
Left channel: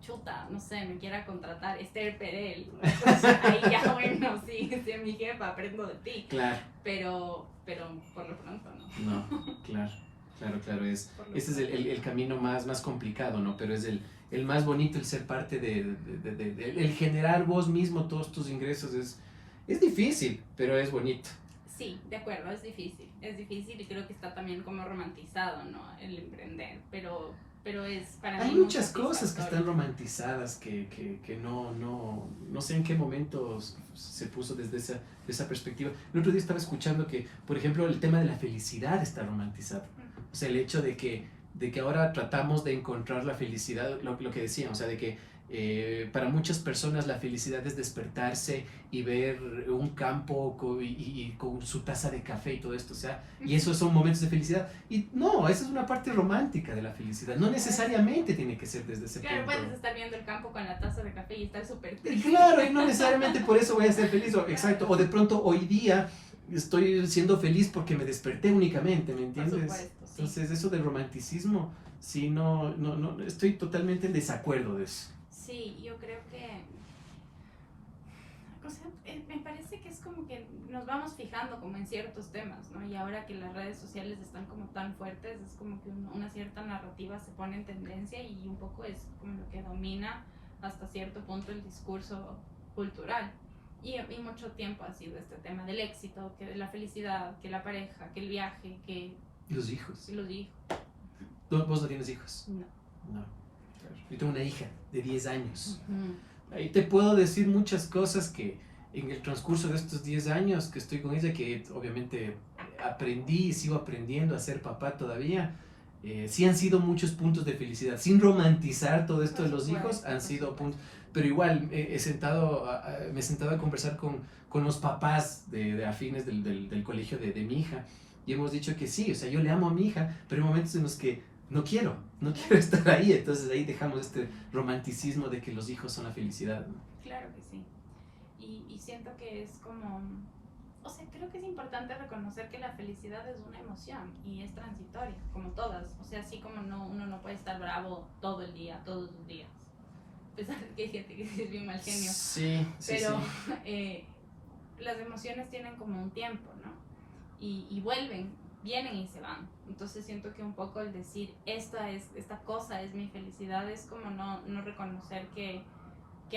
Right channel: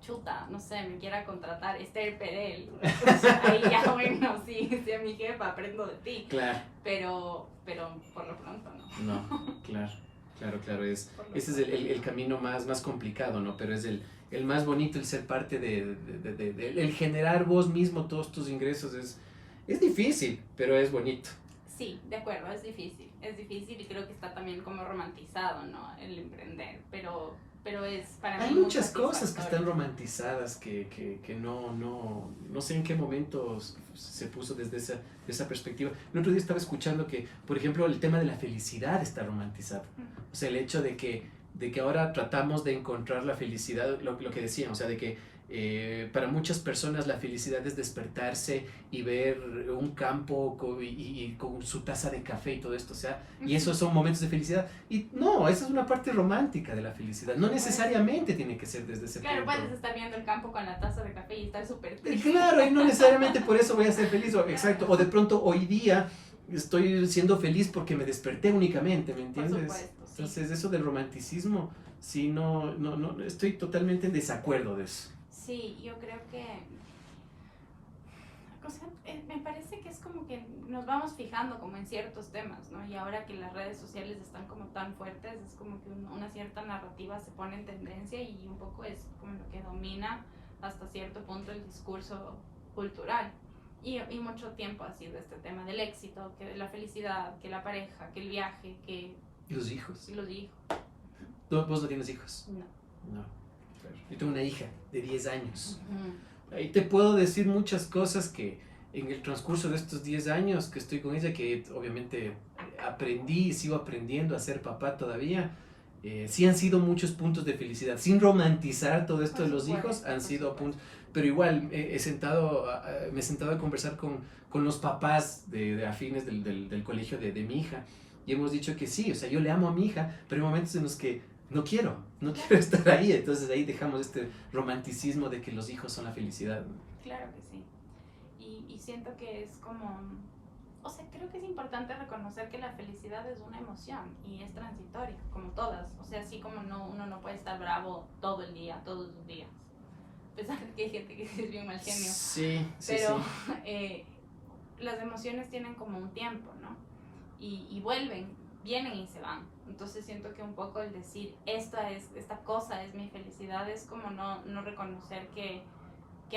no sé, me quiera contratar Esther Perel, pues ahí ya, bueno, sí, es mi jefa, aprendo de ti. Claro. Pero por lo pronto no. No, claro, ese es el camino más complicado, ¿no? Pero es el más bonito, el ser parte el generar vos mismo todos tus ingresos es difícil, pero es bonito. Sí, de acuerdo, es difícil y creo que está también como romantizado, ¿no? El emprender, pero es para mí. Hay muchas cosas que están romantizadas que no sé en qué momento se puso desde esa perspectiva. El otro día estaba escuchando que, por ejemplo, el tema de la felicidad está romantizado. O sea, el hecho de que ahora tratamos de encontrar la felicidad, lo que decían, o sea, de que para muchas personas la felicidad es despertarse y ver un campo y con su taza de café y todo esto, o sea, y esos son momentos de felicidad. Y no, esa es una parte romántica de la felicidad, no necesariamente tiene que ser desde ese punto. Claro, puedes estar viendo el campo con la taza de café y estar súper triste. Claro, y no necesariamente por eso voy a ser feliz, exacto, o de pronto hoy día estoy siendo feliz porque me desperté únicamente, ¿me entiendes? Por supuesto, sí. Entonces eso del romanticismo, sí, no, estoy totalmente en desacuerdo de eso. Sí, yo creo que O sea, me parece que es como que nos vamos fijando como en ciertos temas, ¿no? Y ahora que las redes sociales están como tan fuertes, es como que una cierta narrativa se pone en tendencia y un poco es como lo que domina hasta cierto punto el discurso cultural. Y mucho tiempo ha sido este tema del éxito, que de la felicidad, que la pareja, que el viaje, que Los hijos. los hijos. ¿Vos no tienes hijos? No. No. Yo tengo una hija de 10 años. Uh-huh. Ahí te puedo decir muchas cosas que en el transcurso de estos 10 años que estoy con ella, que obviamente aprendí y sigo aprendiendo a ser papá todavía, sí han sido muchos puntos de felicidad. Sin romantizar todo esto de los hijos, han sido puntos. Pero igual me he sentado a conversar con los papás de afines del colegio de mi hija. Y hemos dicho que sí, o sea, yo le amo a mi hija, pero hay momentos en los que no quiero estar ahí. Entonces ahí dejamos este romanticismo de que los hijos son la felicidad, ¿no? Claro que sí. Y siento que es como, o sea, creo que es importante reconocer que la felicidad es una emoción y es transitoria, como todas. O sea, así como uno no puede estar bravo todo el día, todos los días. A pesar de que hay gente que es bien mal genio. Sí, pero sí. Las emociones tienen como un tiempo, ¿no? Y vuelven, vienen y se van. Entonces siento que un poco el decir esta cosa es mi felicidad es como no reconocer que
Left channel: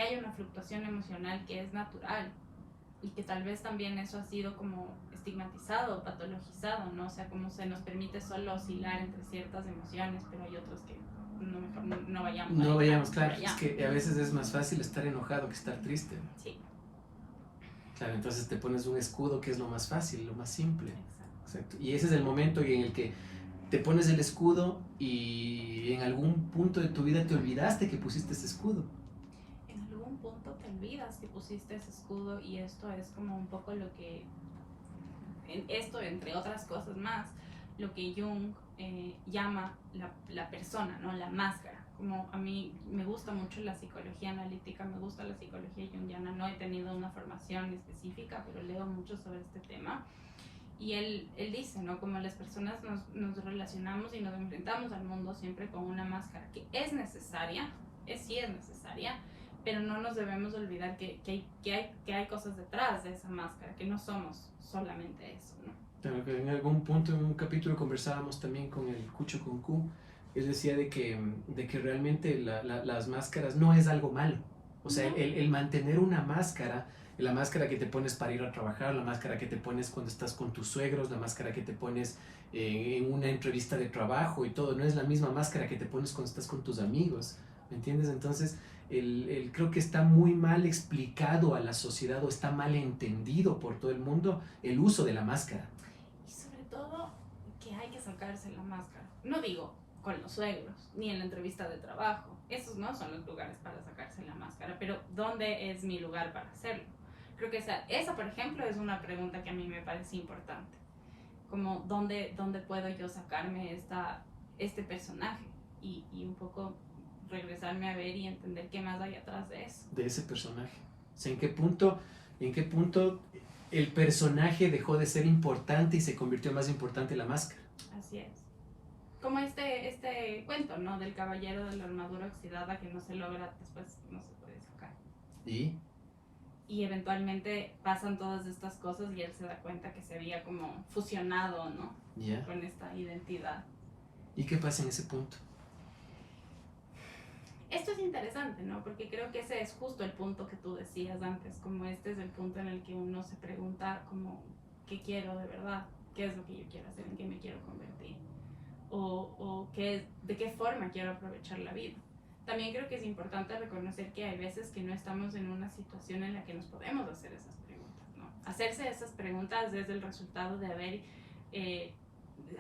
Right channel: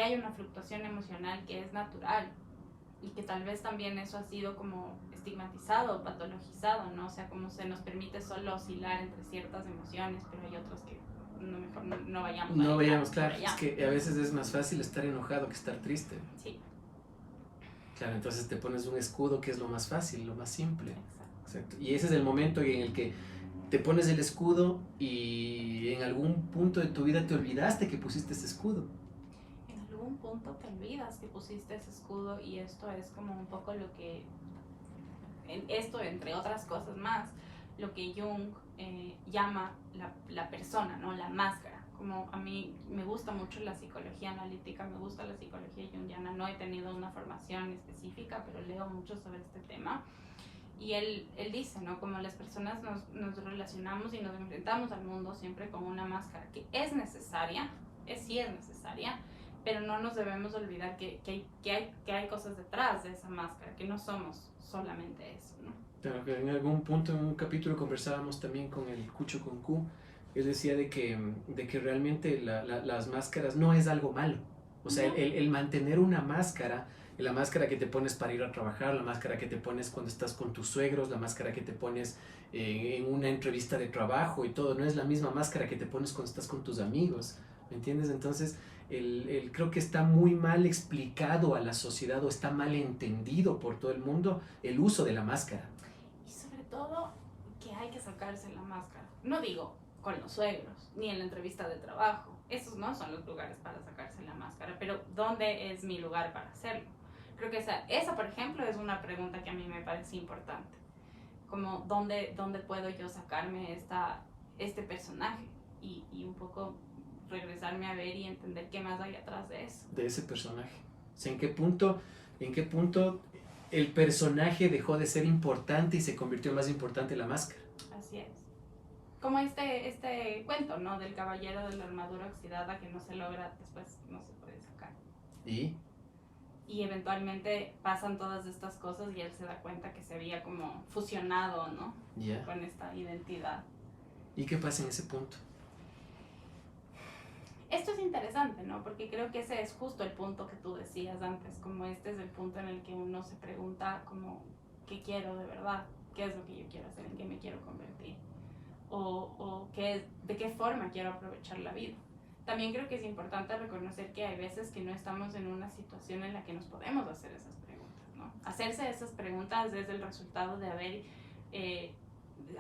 hay una fluctuación emocional que es natural y que tal vez también eso ha sido como estigmatizado, patologizado, ¿no? O sea, como se nos permite solo oscilar entre ciertas emociones, pero hay otros que mejor no vayamos. No vayamos, claro. Es que a veces es más fácil estar enojado que estar triste. Sí. Claro, entonces te pones un escudo que es lo más fácil, lo más simple. Exacto. Y ese es el momento en el que te pones el escudo y en algún punto de tu vida te olvidaste que pusiste ese escudo. En algún punto te olvidas que pusiste ese escudo y esto es como un poco lo que, esto entre otras cosas más, lo que Jung llama la persona, ¿no? La máscara. Como a mí me gusta mucho la psicología analítica, me gusta la psicología junguiana, no he tenido una formación específica, pero leo mucho sobre este tema. Y él dice, ¿no? Como las personas nos relacionamos y nos enfrentamos al mundo siempre con una máscara que es necesaria, sí es necesaria, pero no nos debemos olvidar que hay cosas detrás de esa máscara, que no somos solamente eso, ¿no? Claro, que en algún punto, en un capítulo, conversábamos también con el Cucho con Q. Él decía de que realmente las máscaras no es algo malo. O sea, No. el mantener una máscara, la máscara que te pones para ir a trabajar, la máscara que te pones cuando estás con tus suegros, la máscara que te pones en una entrevista de trabajo y todo, no es la misma máscara que te pones cuando estás con tus amigos, ¿me entiendes? Entonces, creo que está muy mal explicado a la sociedad o está mal entendido por todo el mundo el uso de la máscara. Y sobre todo que hay que sacarse la máscara. No digo con los suegros, ni en la entrevista de trabajo. Esos no son los lugares para sacarse la máscara, pero ¿dónde es mi lugar para hacerlo? Creo que esa por ejemplo, es una pregunta que a mí me parece importante. Como, ¿dónde puedo yo sacarme este personaje? Y un poco regresarme a ver y entender qué más hay atrás de eso. De ese personaje. O sea, ¿en qué punto el personaje dejó de ser importante y se convirtió más importante en la máscara? Así es. Como este cuento, ¿no? Del caballero de la armadura oxidada que no se logra, después no se puede sacar. Y eventualmente pasan todas estas cosas y él se da cuenta que se había como fusionado, ¿no? Yeah. Con esta identidad. ¿Y qué pasa en ese punto? Esto es interesante, ¿no? Porque creo que ese es justo el punto que tú decías antes, como este es el punto en el que uno se pregunta como, ¿qué quiero de verdad? ¿Qué es lo que yo quiero hacer? ¿En qué me quiero convertir? O de qué forma quiero aprovechar la vida. También creo que es importante reconocer que hay veces que no estamos en una situación en la que nos podemos hacer esas preguntas, ¿no? Hacerse esas preguntas es el resultado de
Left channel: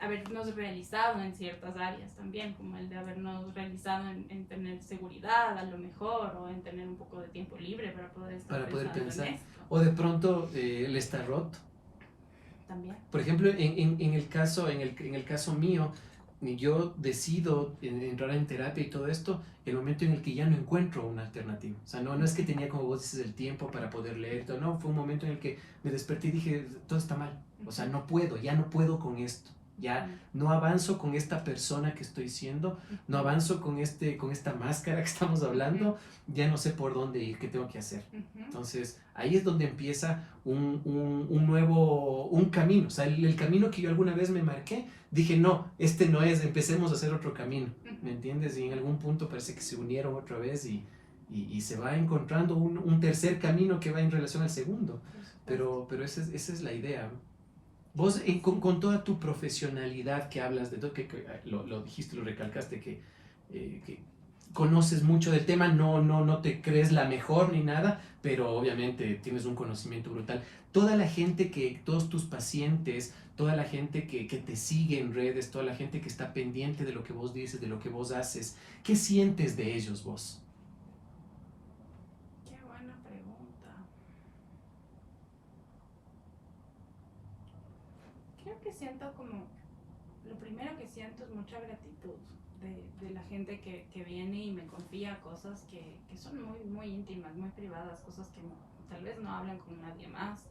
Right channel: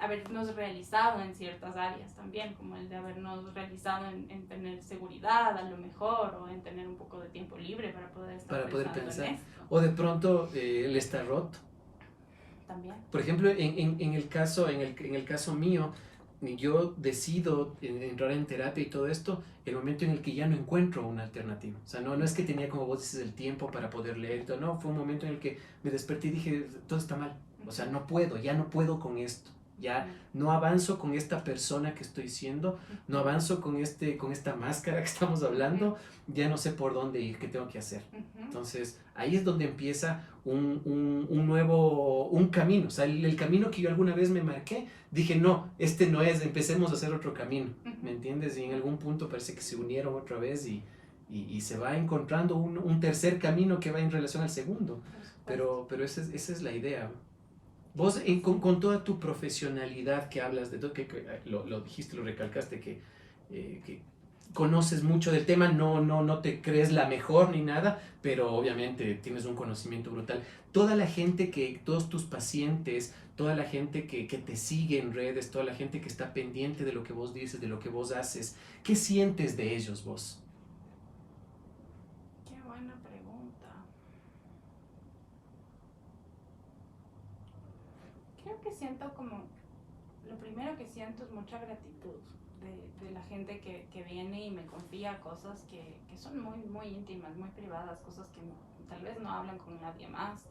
habernos realizado en ciertas áreas también, como el de habernos realizado en tener seguridad a lo mejor, o en tener un poco de tiempo libre para poder estar pensar. en esto. O de pronto él está roto. También. Por ejemplo, en el caso mío, yo decido entrar en terapia y todo esto, el momento en el que ya no encuentro una alternativa. O sea, no es que tenía, como vos dices, el tiempo para poder leer, no, fue un momento en el que me desperté y dije, todo está mal. O sea, ya no puedo con esto. Ya no avanzo con esta persona que estoy siendo, no avanzo con esta máscara que estamos hablando, ya no sé por dónde ir, qué tengo que hacer. Entonces, ahí es donde empieza un nuevo, un camino. O sea, el camino que yo alguna vez me marqué, dije, no, este no es, empecemos a hacer otro camino, ¿me entiendes? Y en algún punto parece que se unieron otra vez y se va encontrando un tercer camino que va en relación al segundo. Pero esa es la idea. Vos, con toda tu profesionalidad que hablas, que lo dijiste, lo recalcaste, que conoces mucho del tema, no te crees la mejor ni nada, pero obviamente tienes un conocimiento brutal. Toda la gente todos tus pacientes, toda la gente que te sigue en redes, toda la gente que está pendiente de lo que vos dices, de lo que vos haces, ¿qué sientes de ellos vos? Qué buena pregunta. Creo que siento como, lo primero que siento es mucha gratitud de la gente que viene y me confía cosas que son muy íntimas, muy privadas, cosas que tal vez no hablan con nadie más,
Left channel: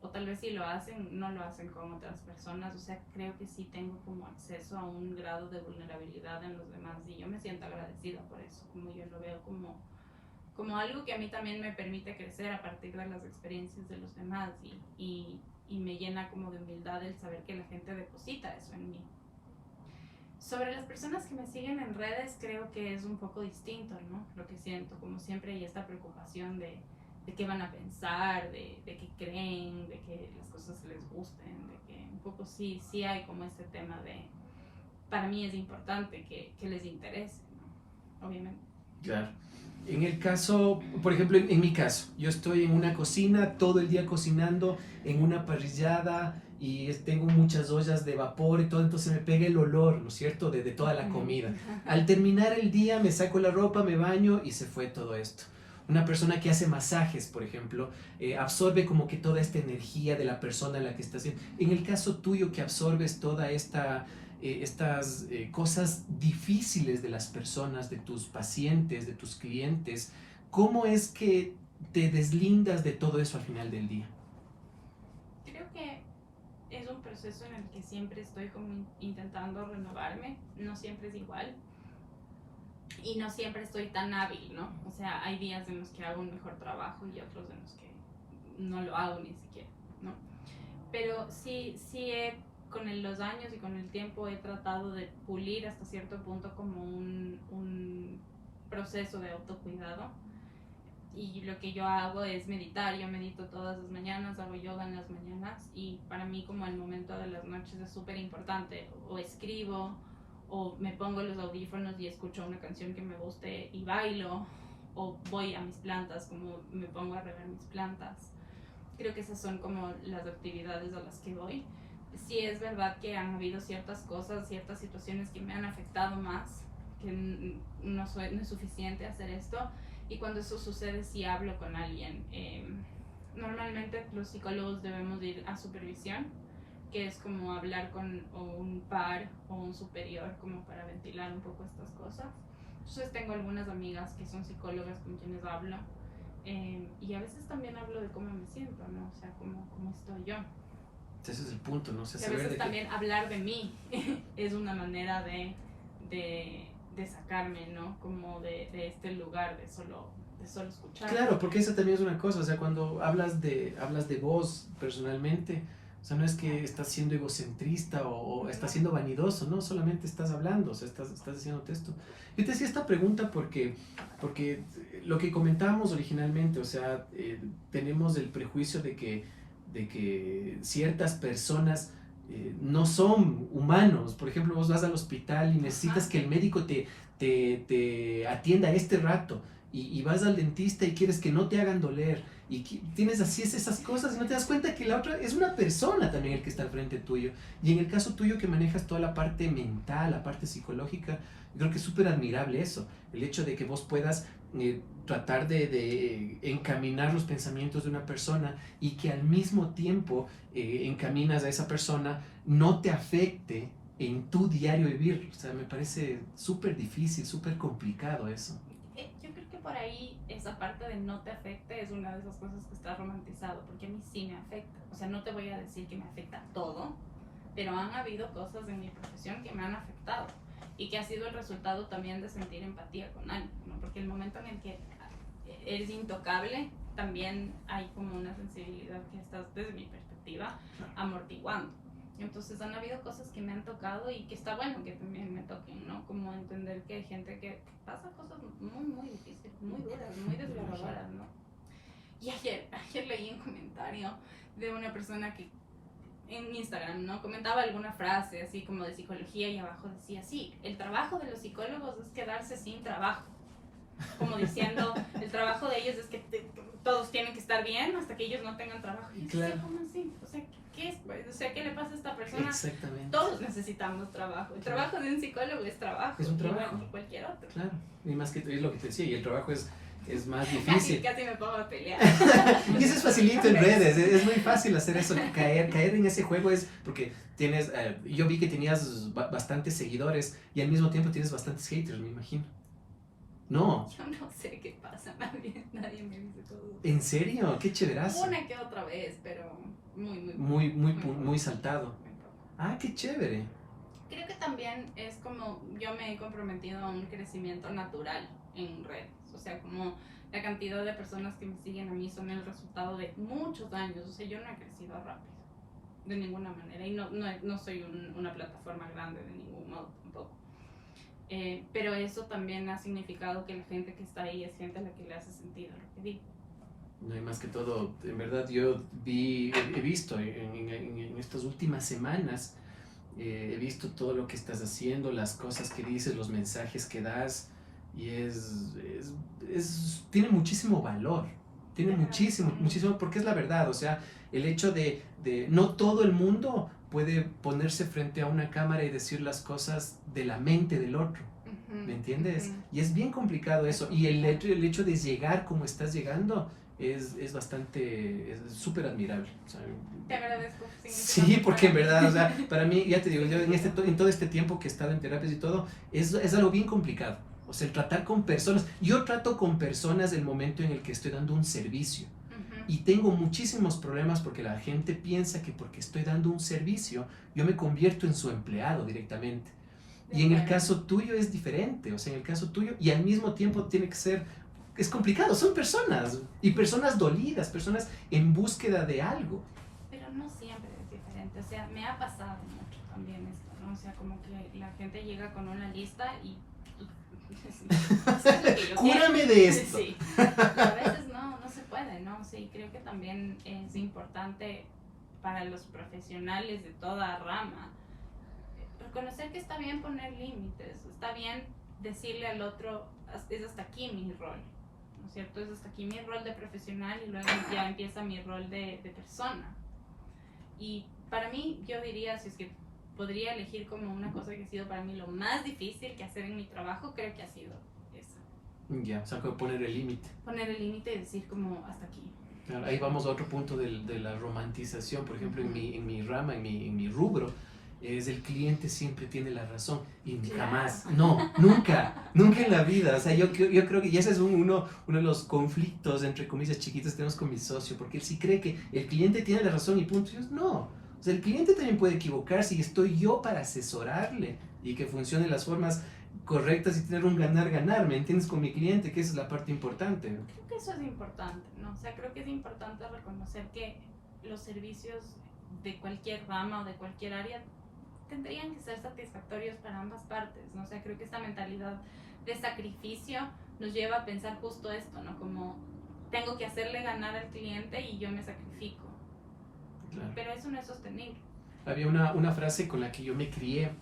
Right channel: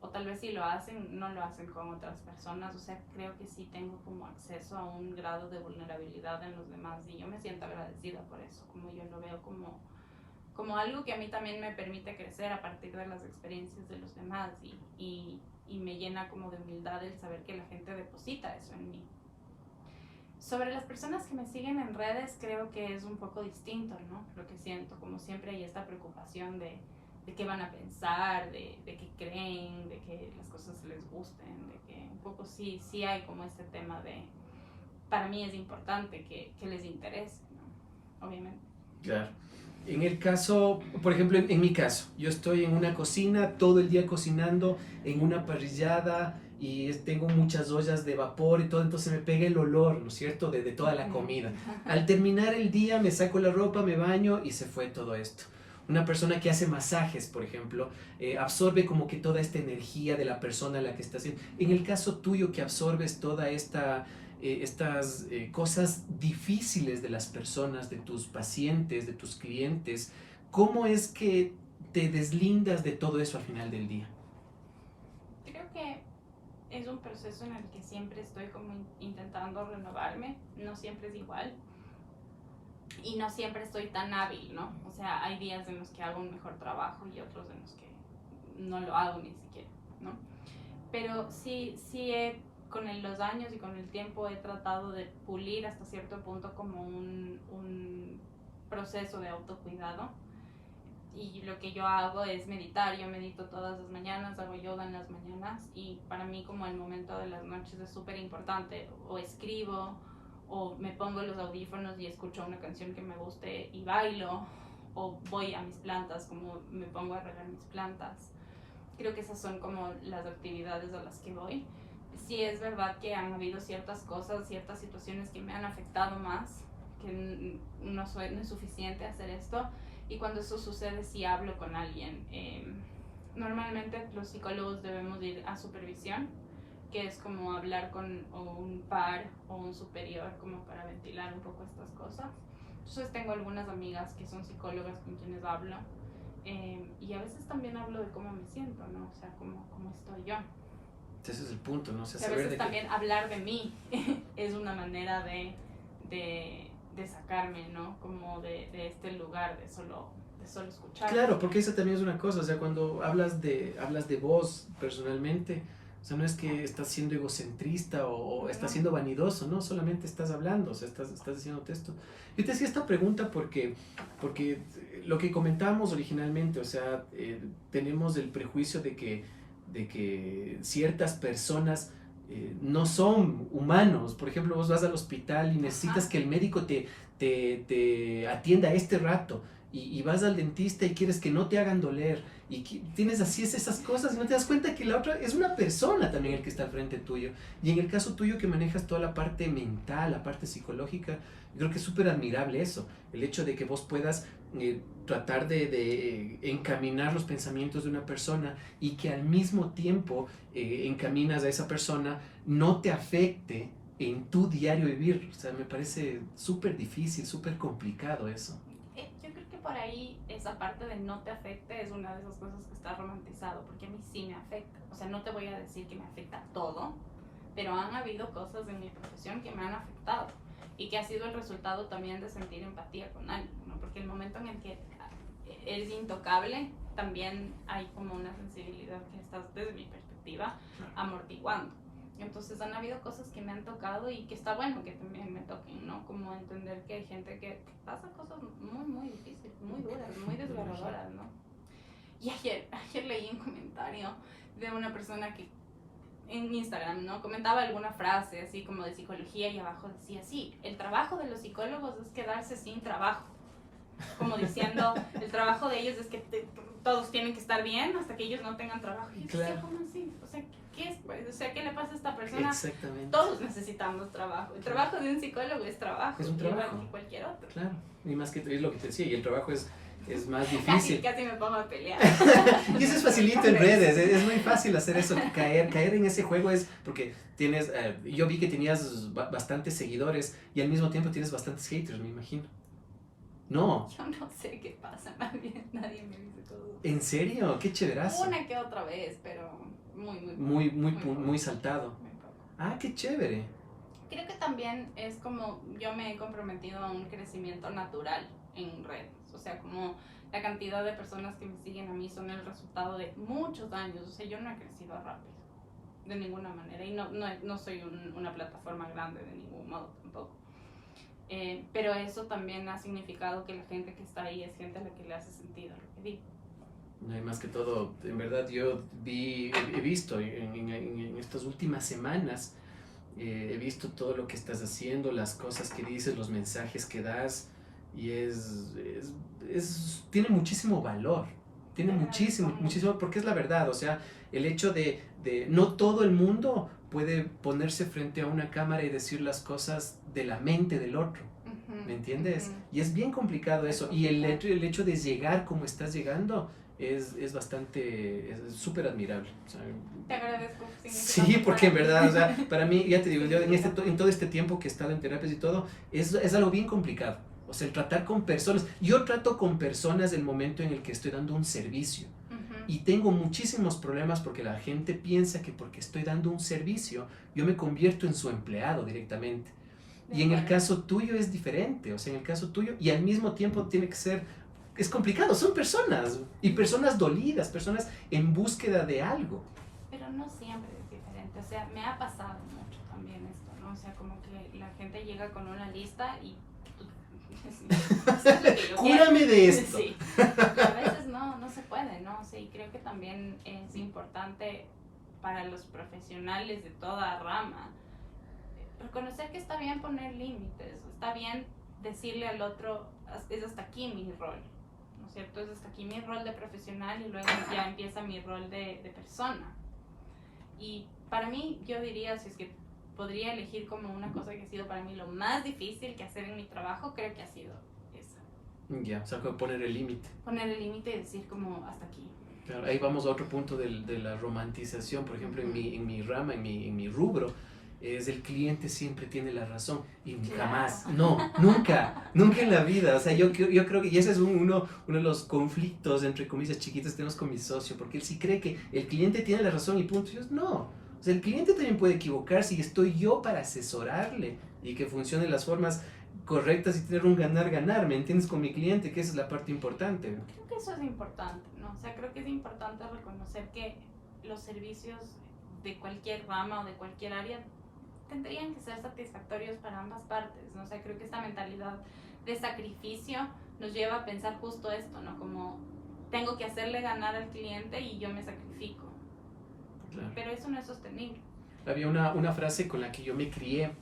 o tal vez si lo hacen, no lo hacen con otras personas. O sea, creo que sí tengo como acceso a un grado de vulnerabilidad en los demás y yo me siento agradecida por eso, como yo lo veo como algo que a mí también me permite crecer a partir de las experiencias de los demás y me llena como de humildad el saber que la gente deposita eso en mí. Sobre las personas que me siguen en redes, creo que es un poco distinto, ¿no? Lo que siento, como siempre hay esta preocupación de qué van a pensar, de qué creen, de que las cosas les gusten, de que un poco sí hay como este tema de, para mí es importante que les interese, ¿no? Obviamente. Claro. En el caso, por ejemplo, en mi caso, yo estoy en una cocina todo el día cocinando en una parrillada y tengo muchas ollas de vapor y todo, entonces me pega el olor, ¿no es cierto?, de toda la comida. Al terminar el día me saco la ropa, me baño y se fue todo esto. Una persona que hace masajes, por ejemplo, absorbe como que toda esta energía de la persona a la que está haciendo. En el caso tuyo que absorbes toda estas cosas difíciles de las personas, de tus pacientes, de tus clientes, ¿cómo es que te deslindas de todo eso al final del día? Creo que es un proceso en el que siempre estoy como intentando renovarme, no siempre es igual y no siempre estoy tan hábil, ¿no? O sea, hay días en los que hago un mejor trabajo y otros en los que no lo hago ni siquiera, ¿no? Pero con los años y con el tiempo he tratado de pulir hasta cierto punto como un proceso de autocuidado. Y lo que yo hago es meditar. Yo medito todas las mañanas, hago yoga en las mañanas y para mí como el momento de las noches es súper importante. O escribo o me pongo los audífonos y escucho una canción que me guste y bailo, o voy a mis plantas, como me pongo a regar mis plantas. Creo que esas son como las actividades a las que voy. Sí es verdad que han habido ciertas cosas, ciertas situaciones que me han afectado más, que no es suficiente hacer esto, y cuando eso sucede sí hablo con alguien. Normalmente los psicólogos debemos ir a supervisión, que es como hablar con un par o un superior como para ventilar un poco estas cosas. Entonces tengo algunas amigas que son psicólogas con quienes hablo, y a veces también hablo de cómo me siento, ¿no? O sea, cómo estoy yo. Ese es el punto, ¿no? O sea, a veces también hablar de mí es una manera de sacarme, ¿no? Como de este lugar de solo escuchar. Claro, porque eso también es una cosa, o sea, cuando hablas de vos personalmente, o sea, no es que estás siendo egocentrista o estás siendo vanidoso, no, solamente estás hablando, o sea, estás diciéndote esto. Yo te hacía esta pregunta porque lo que comentábamos originalmente, o sea, tenemos el prejuicio de que ciertas personas no son humanos. Por ejemplo, vos vas al hospital y necesitas que el médico te atienda a este rato y vas al dentista y quieres que no te hagan doler y tienes así esas cosas y no te das cuenta que la otra es una persona también el que está al frente tuyo. Y en el caso tuyo que manejas toda la parte mental, la parte psicológica, yo creo que es súper admirable eso, el hecho de que vos puedas tratar de encaminar los pensamientos de una persona y que al mismo tiempo encaminas a esa persona, no te afecte en tu diario vivir. O sea, me parece súper difícil, súper complicado eso. Yo creo que por ahí esa parte de no te afecte es una de esas cosas que está romantizado, porque a mí sí me afecta. O sea, no te voy a decir que me afecta todo, pero han habido cosas en mi profesión que me han afectado y que ha sido el resultado también de sentir empatía con alguien, ¿no? Porque el momento en el que eres intocable, también hay como una sensibilidad que estás, desde mi perspectiva, amortiguando. Entonces han habido cosas que me han tocado y que está bueno que también me toquen, ¿no? Como entender que hay gente que pasa cosas muy, muy difíciles, muy duras, muy desgarradoras, ¿no? Y ayer leí un comentario de una persona que en Instagram, ¿no? Comentaba alguna frase así como de psicología y abajo decía, sí, el trabajo de los psicólogos es quedarse sin trabajo. Como diciendo, el trabajo de ellos es que todos tienen que estar bien hasta que ellos no tengan trabajo. Y claro. ¿cómo así? O sea, ¿qué es? Pues? O sea, ¿qué le pasa a esta persona? Exactamente. Todos necesitamos trabajo. El trabajo de un psicólogo es trabajo. Es un trabajo. Igual que cualquier otro. Claro. Y más que es lo que te decía, y el trabajo es más difícil. Casi me pongo a pelear. Y eso es facilito en redes, es muy fácil hacer eso, caer en ese juego es porque tienes, yo vi que tenías bastantes seguidores y al mismo tiempo tienes bastantes haters, me imagino. No. Yo no sé qué pasa, nadie me dice todo. ¿En serio? Qué chéverazo. Una que otra vez, pero muy saltado. Muy poco. Ah, qué chévere. Creo que también es como yo me he comprometido a un crecimiento natural en redes. O sea, como la cantidad de personas que me siguen a mí son el resultado de muchos años. O sea, yo no he crecido rápido, de ninguna manera. Y no soy una plataforma grande de ningún modo tampoco. Pero eso también ha significado que la gente que está ahí es gente a la que le hace sentido lo que digo. No hay más que todo, en verdad yo he visto en estas últimas semanas, he visto todo lo que estás haciendo, las cosas que dices, los mensajes que das, y tiene muchísimo valor, tiene muchísimo, porque es la verdad, o sea, el hecho de no todo el mundo puede ponerse frente a una cámara y decir las cosas de la mente del otro, ¿me entiendes? Y es bien complicado eso, y el hecho de llegar como estás llegando es bastante, es súper admirable. O sea, te agradezco. Sí, porque en verdad, o sea, para mí, ya te digo, yo en todo este tiempo que he estado en terapias y todo, es algo bien complicado. O sea, el tratar con personas. Yo trato con personas del momento en el que estoy dando un servicio. Y tengo muchísimos problemas porque la gente piensa que porque estoy dando un servicio, yo me convierto en su empleado directamente. Y en el caso tuyo es diferente. O sea, en el caso tuyo, y al mismo tiempo tiene que ser. Es complicado, son personas. Y personas dolidas, personas en búsqueda de algo. Pero no siempre es diferente. O sea, me ha pasado mucho también esto, ¿no? O sea, como que la gente llega con una lista y cúrame de esto. Sí. Y a veces no se puede, ¿no? O sea, y creo que también es importante para los profesionales de toda rama reconocer que está bien poner límites, está bien decirle al otro, es hasta aquí mi rol, ¿no es cierto? Es hasta aquí mi rol de profesional y luego ya empieza mi rol de persona. Y para mí, yo diría, si es que podría elegir como una cosa que ha sido para mí lo más difícil que hacer en mi trabajo, creo que ha sido esa. Ya, o sea, poner el límite. Poner el límite y decir como hasta aquí. Claro, ahí vamos a otro punto de la romantización, por ejemplo, en mi rama, en mi rubro, es el cliente siempre tiene la razón y jamás, no, nunca en la vida. O sea, yo creo que y ese es uno de los conflictos, entre comillas, chiquitos que tenemos con mi socio, porque él sí cree que el cliente tiene la razón y punto. Y yo, no, o sea, el cliente también puede equivocarse y estoy yo para asesorarle y que funcionen las formas correctas y tener un ganar-ganar, ¿me entiendes? Con mi cliente, que esa es la parte importante. Creo que eso es importante, ¿no? O sea, creo que es importante reconocer que los servicios de cualquier rama o de cualquier área tendrían que ser satisfactorios para ambas partes, ¿no? O sea, creo que esta mentalidad de sacrificio nos lleva a pensar justo esto, ¿no? Como tengo que hacerle ganar al cliente y yo me sacrifico. Claro. Pero eso no es sostenible. Había una frase con la que yo me crié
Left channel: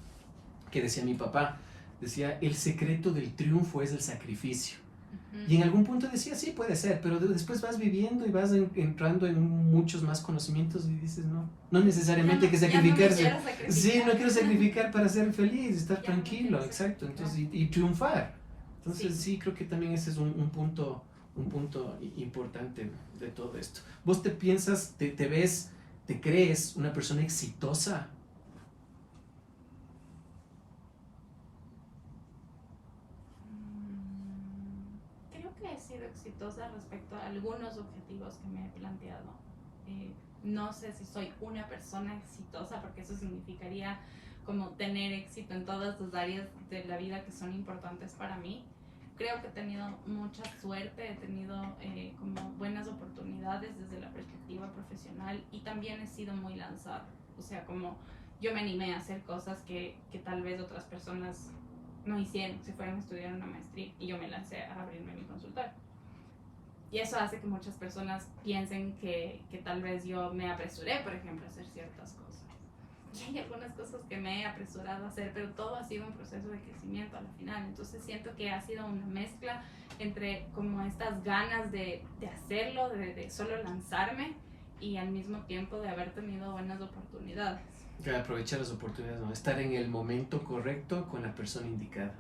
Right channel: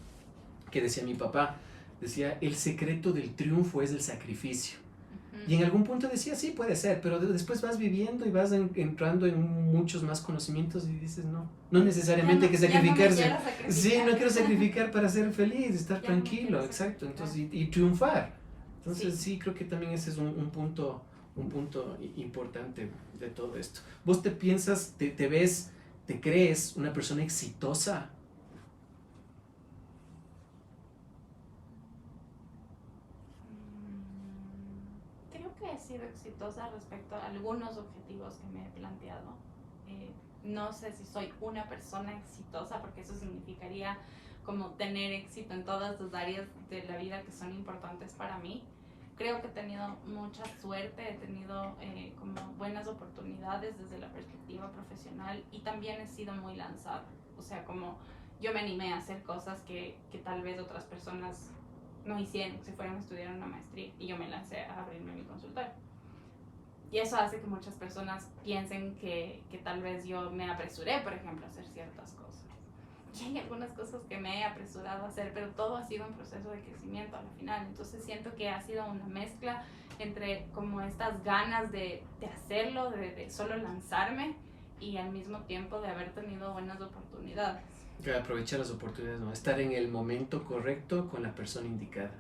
que decía mi papá, decía, el secreto del triunfo es el sacrificio. Y en algún punto decía, sí, puede ser, pero después vas viviendo y vas entrando en muchos más conocimientos y dices, no necesariamente hay que sacrificarse. Sí, no quiero sacrificar para ser feliz, estar tranquilo, exacto, entonces, y triunfar. Entonces sí, creo que también ese es un punto importante de todo esto. ¿Vos te piensas, te ves, te crees una persona exitosa? He sido exitosa respecto a algunos objetivos que me he planteado. no sé si soy una persona exitosa, porque eso significaría como tener éxito en todas las áreas de la vida que son importantes para mí. Creo que he tenido mucha suerte, he tenido como buenas oportunidades desde la perspectiva profesional, y también he sido muy lanzada. O sea, como yo me animé a hacer cosas que tal vez otras personas no hicieron, si fueran a estudiar una maestría, y yo me lancé a abrirme mi consultorio. Y eso hace que muchas personas piensen que tal vez yo me apresuré, por ejemplo, a hacer ciertas cosas. Y hay algunas cosas que me he apresurado a hacer, pero todo ha sido un proceso de crecimiento al final. Entonces siento que ha sido una mezcla entre como estas ganas de hacerlo, de solo lanzarme, y al mismo tiempo de haber tenido buenas oportunidades. Que aprovechar las oportunidades, ¿no? Estar en el momento correcto con la persona indicada.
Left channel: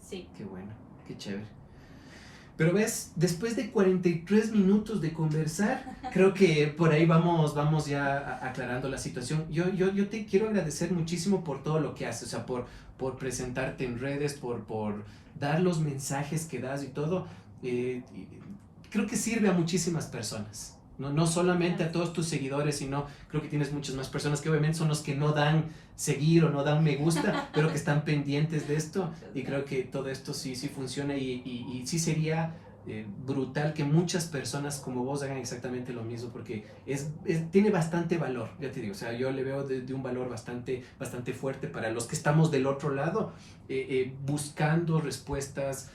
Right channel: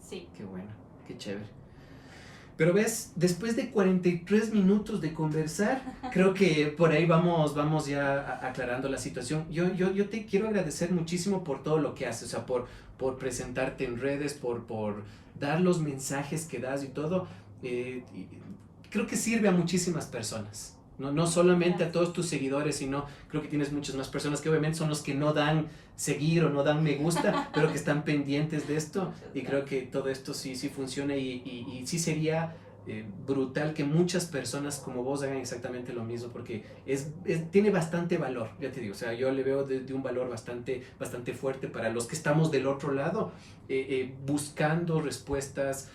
Sí. Qué bueno, qué chévere. Pero ves, después de 43 minutos de conversar, creo que por ahí vamos ya aclarando la situación. Yo te quiero agradecer muchísimo por todo lo que haces, o sea, por presentarte en redes, por dar los mensajes que das y todo. Creo que sirve a muchísimas personas. No solamente a todos tus seguidores, sino creo que tienes muchas más personas que obviamente son los que no dan seguir o no dan me gusta, pero que están pendientes de esto, y creo que todo esto sí funciona, y sí sería brutal que muchas personas como vos hagan exactamente lo mismo, porque tiene bastante valor, ya te digo, o sea, yo le veo de un valor bastante fuerte para los que estamos del otro lado, buscando respuestas,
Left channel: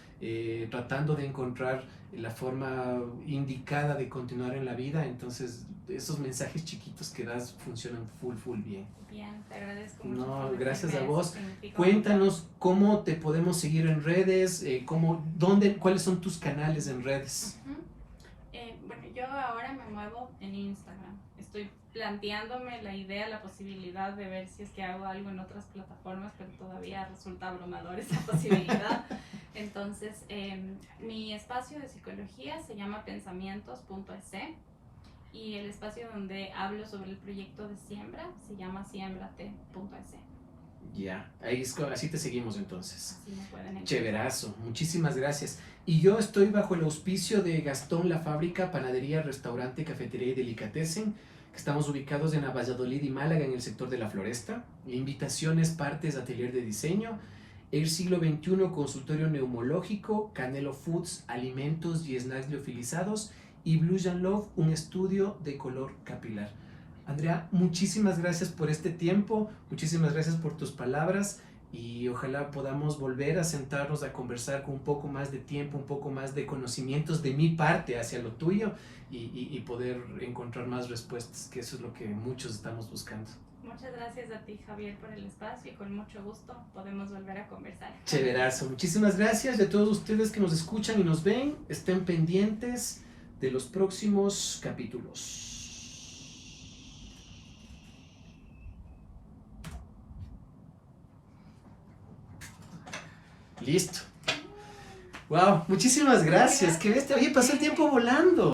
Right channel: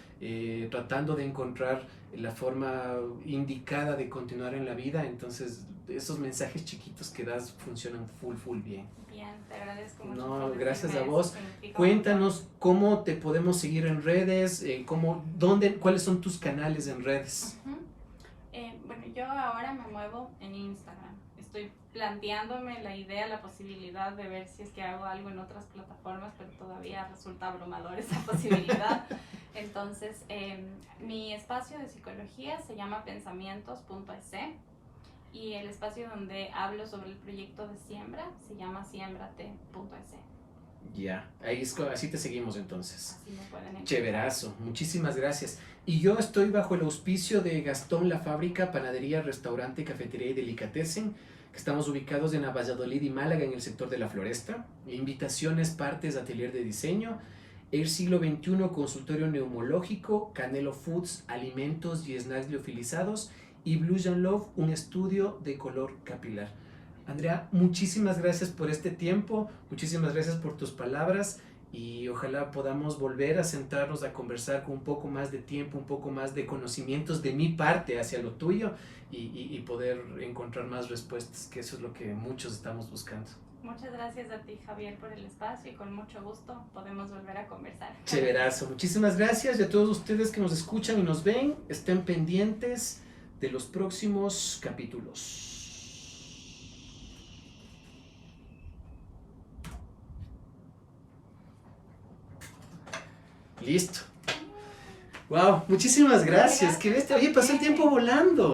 tratando de encontrar la forma indicada de continuar en la vida. Entonces esos mensajes chiquitos que das funcionan full bien. Bien, te agradezco mucho. No, gracias a vos. Cuéntanos cómo te podemos seguir en redes, cuáles son tus canales en redes. Bueno, yo ahora me muevo en Instagram. Estoy planteándome la idea, la posibilidad de ver si es que hago algo en otras plataformas, pero todavía resulta abrumador esa posibilidad. Entonces, mi espacio de psicología se llama pensamientos.es, y el espacio donde hablo sobre el proyecto de siembra se llama siembrate.es. Ya, así te seguimos entonces. Así me pueden encontrar. Chéverazo, muchísimas gracias. Y yo estoy bajo el auspicio de Gastón La Fábrica, panadería, restaurante, cafetería y delicatessen, que estamos ubicados en Valladolid y Málaga, en el sector de la Floresta. Invitaciones, partes, atelier de diseño, El Siglo XXI, consultorio neumológico, Canelo Foods, alimentos y snacks liofilizados, y Blue Jean Love, un estudio de color capilar. Andrea, muchísimas gracias por este tiempo, muchísimas gracias por tus palabras, y ojalá podamos volver a sentarnos a conversar con un poco más de tiempo, un poco más de conocimientos de mi parte hacia lo tuyo, y poder encontrar más respuestas, que eso es lo que muchos estamos buscando. Muchas gracias a ti, Javier, por el espacio, y con mucho gusto podemos volver a conversar. Chéverazo, muchísimas gracias, y a todos ustedes que nos escuchan y nos ven, estén pendientes de los próximos capítulos. Listo. Wow, muchísimas gracias. Qué bestia. Oye, pasó el tiempo volando.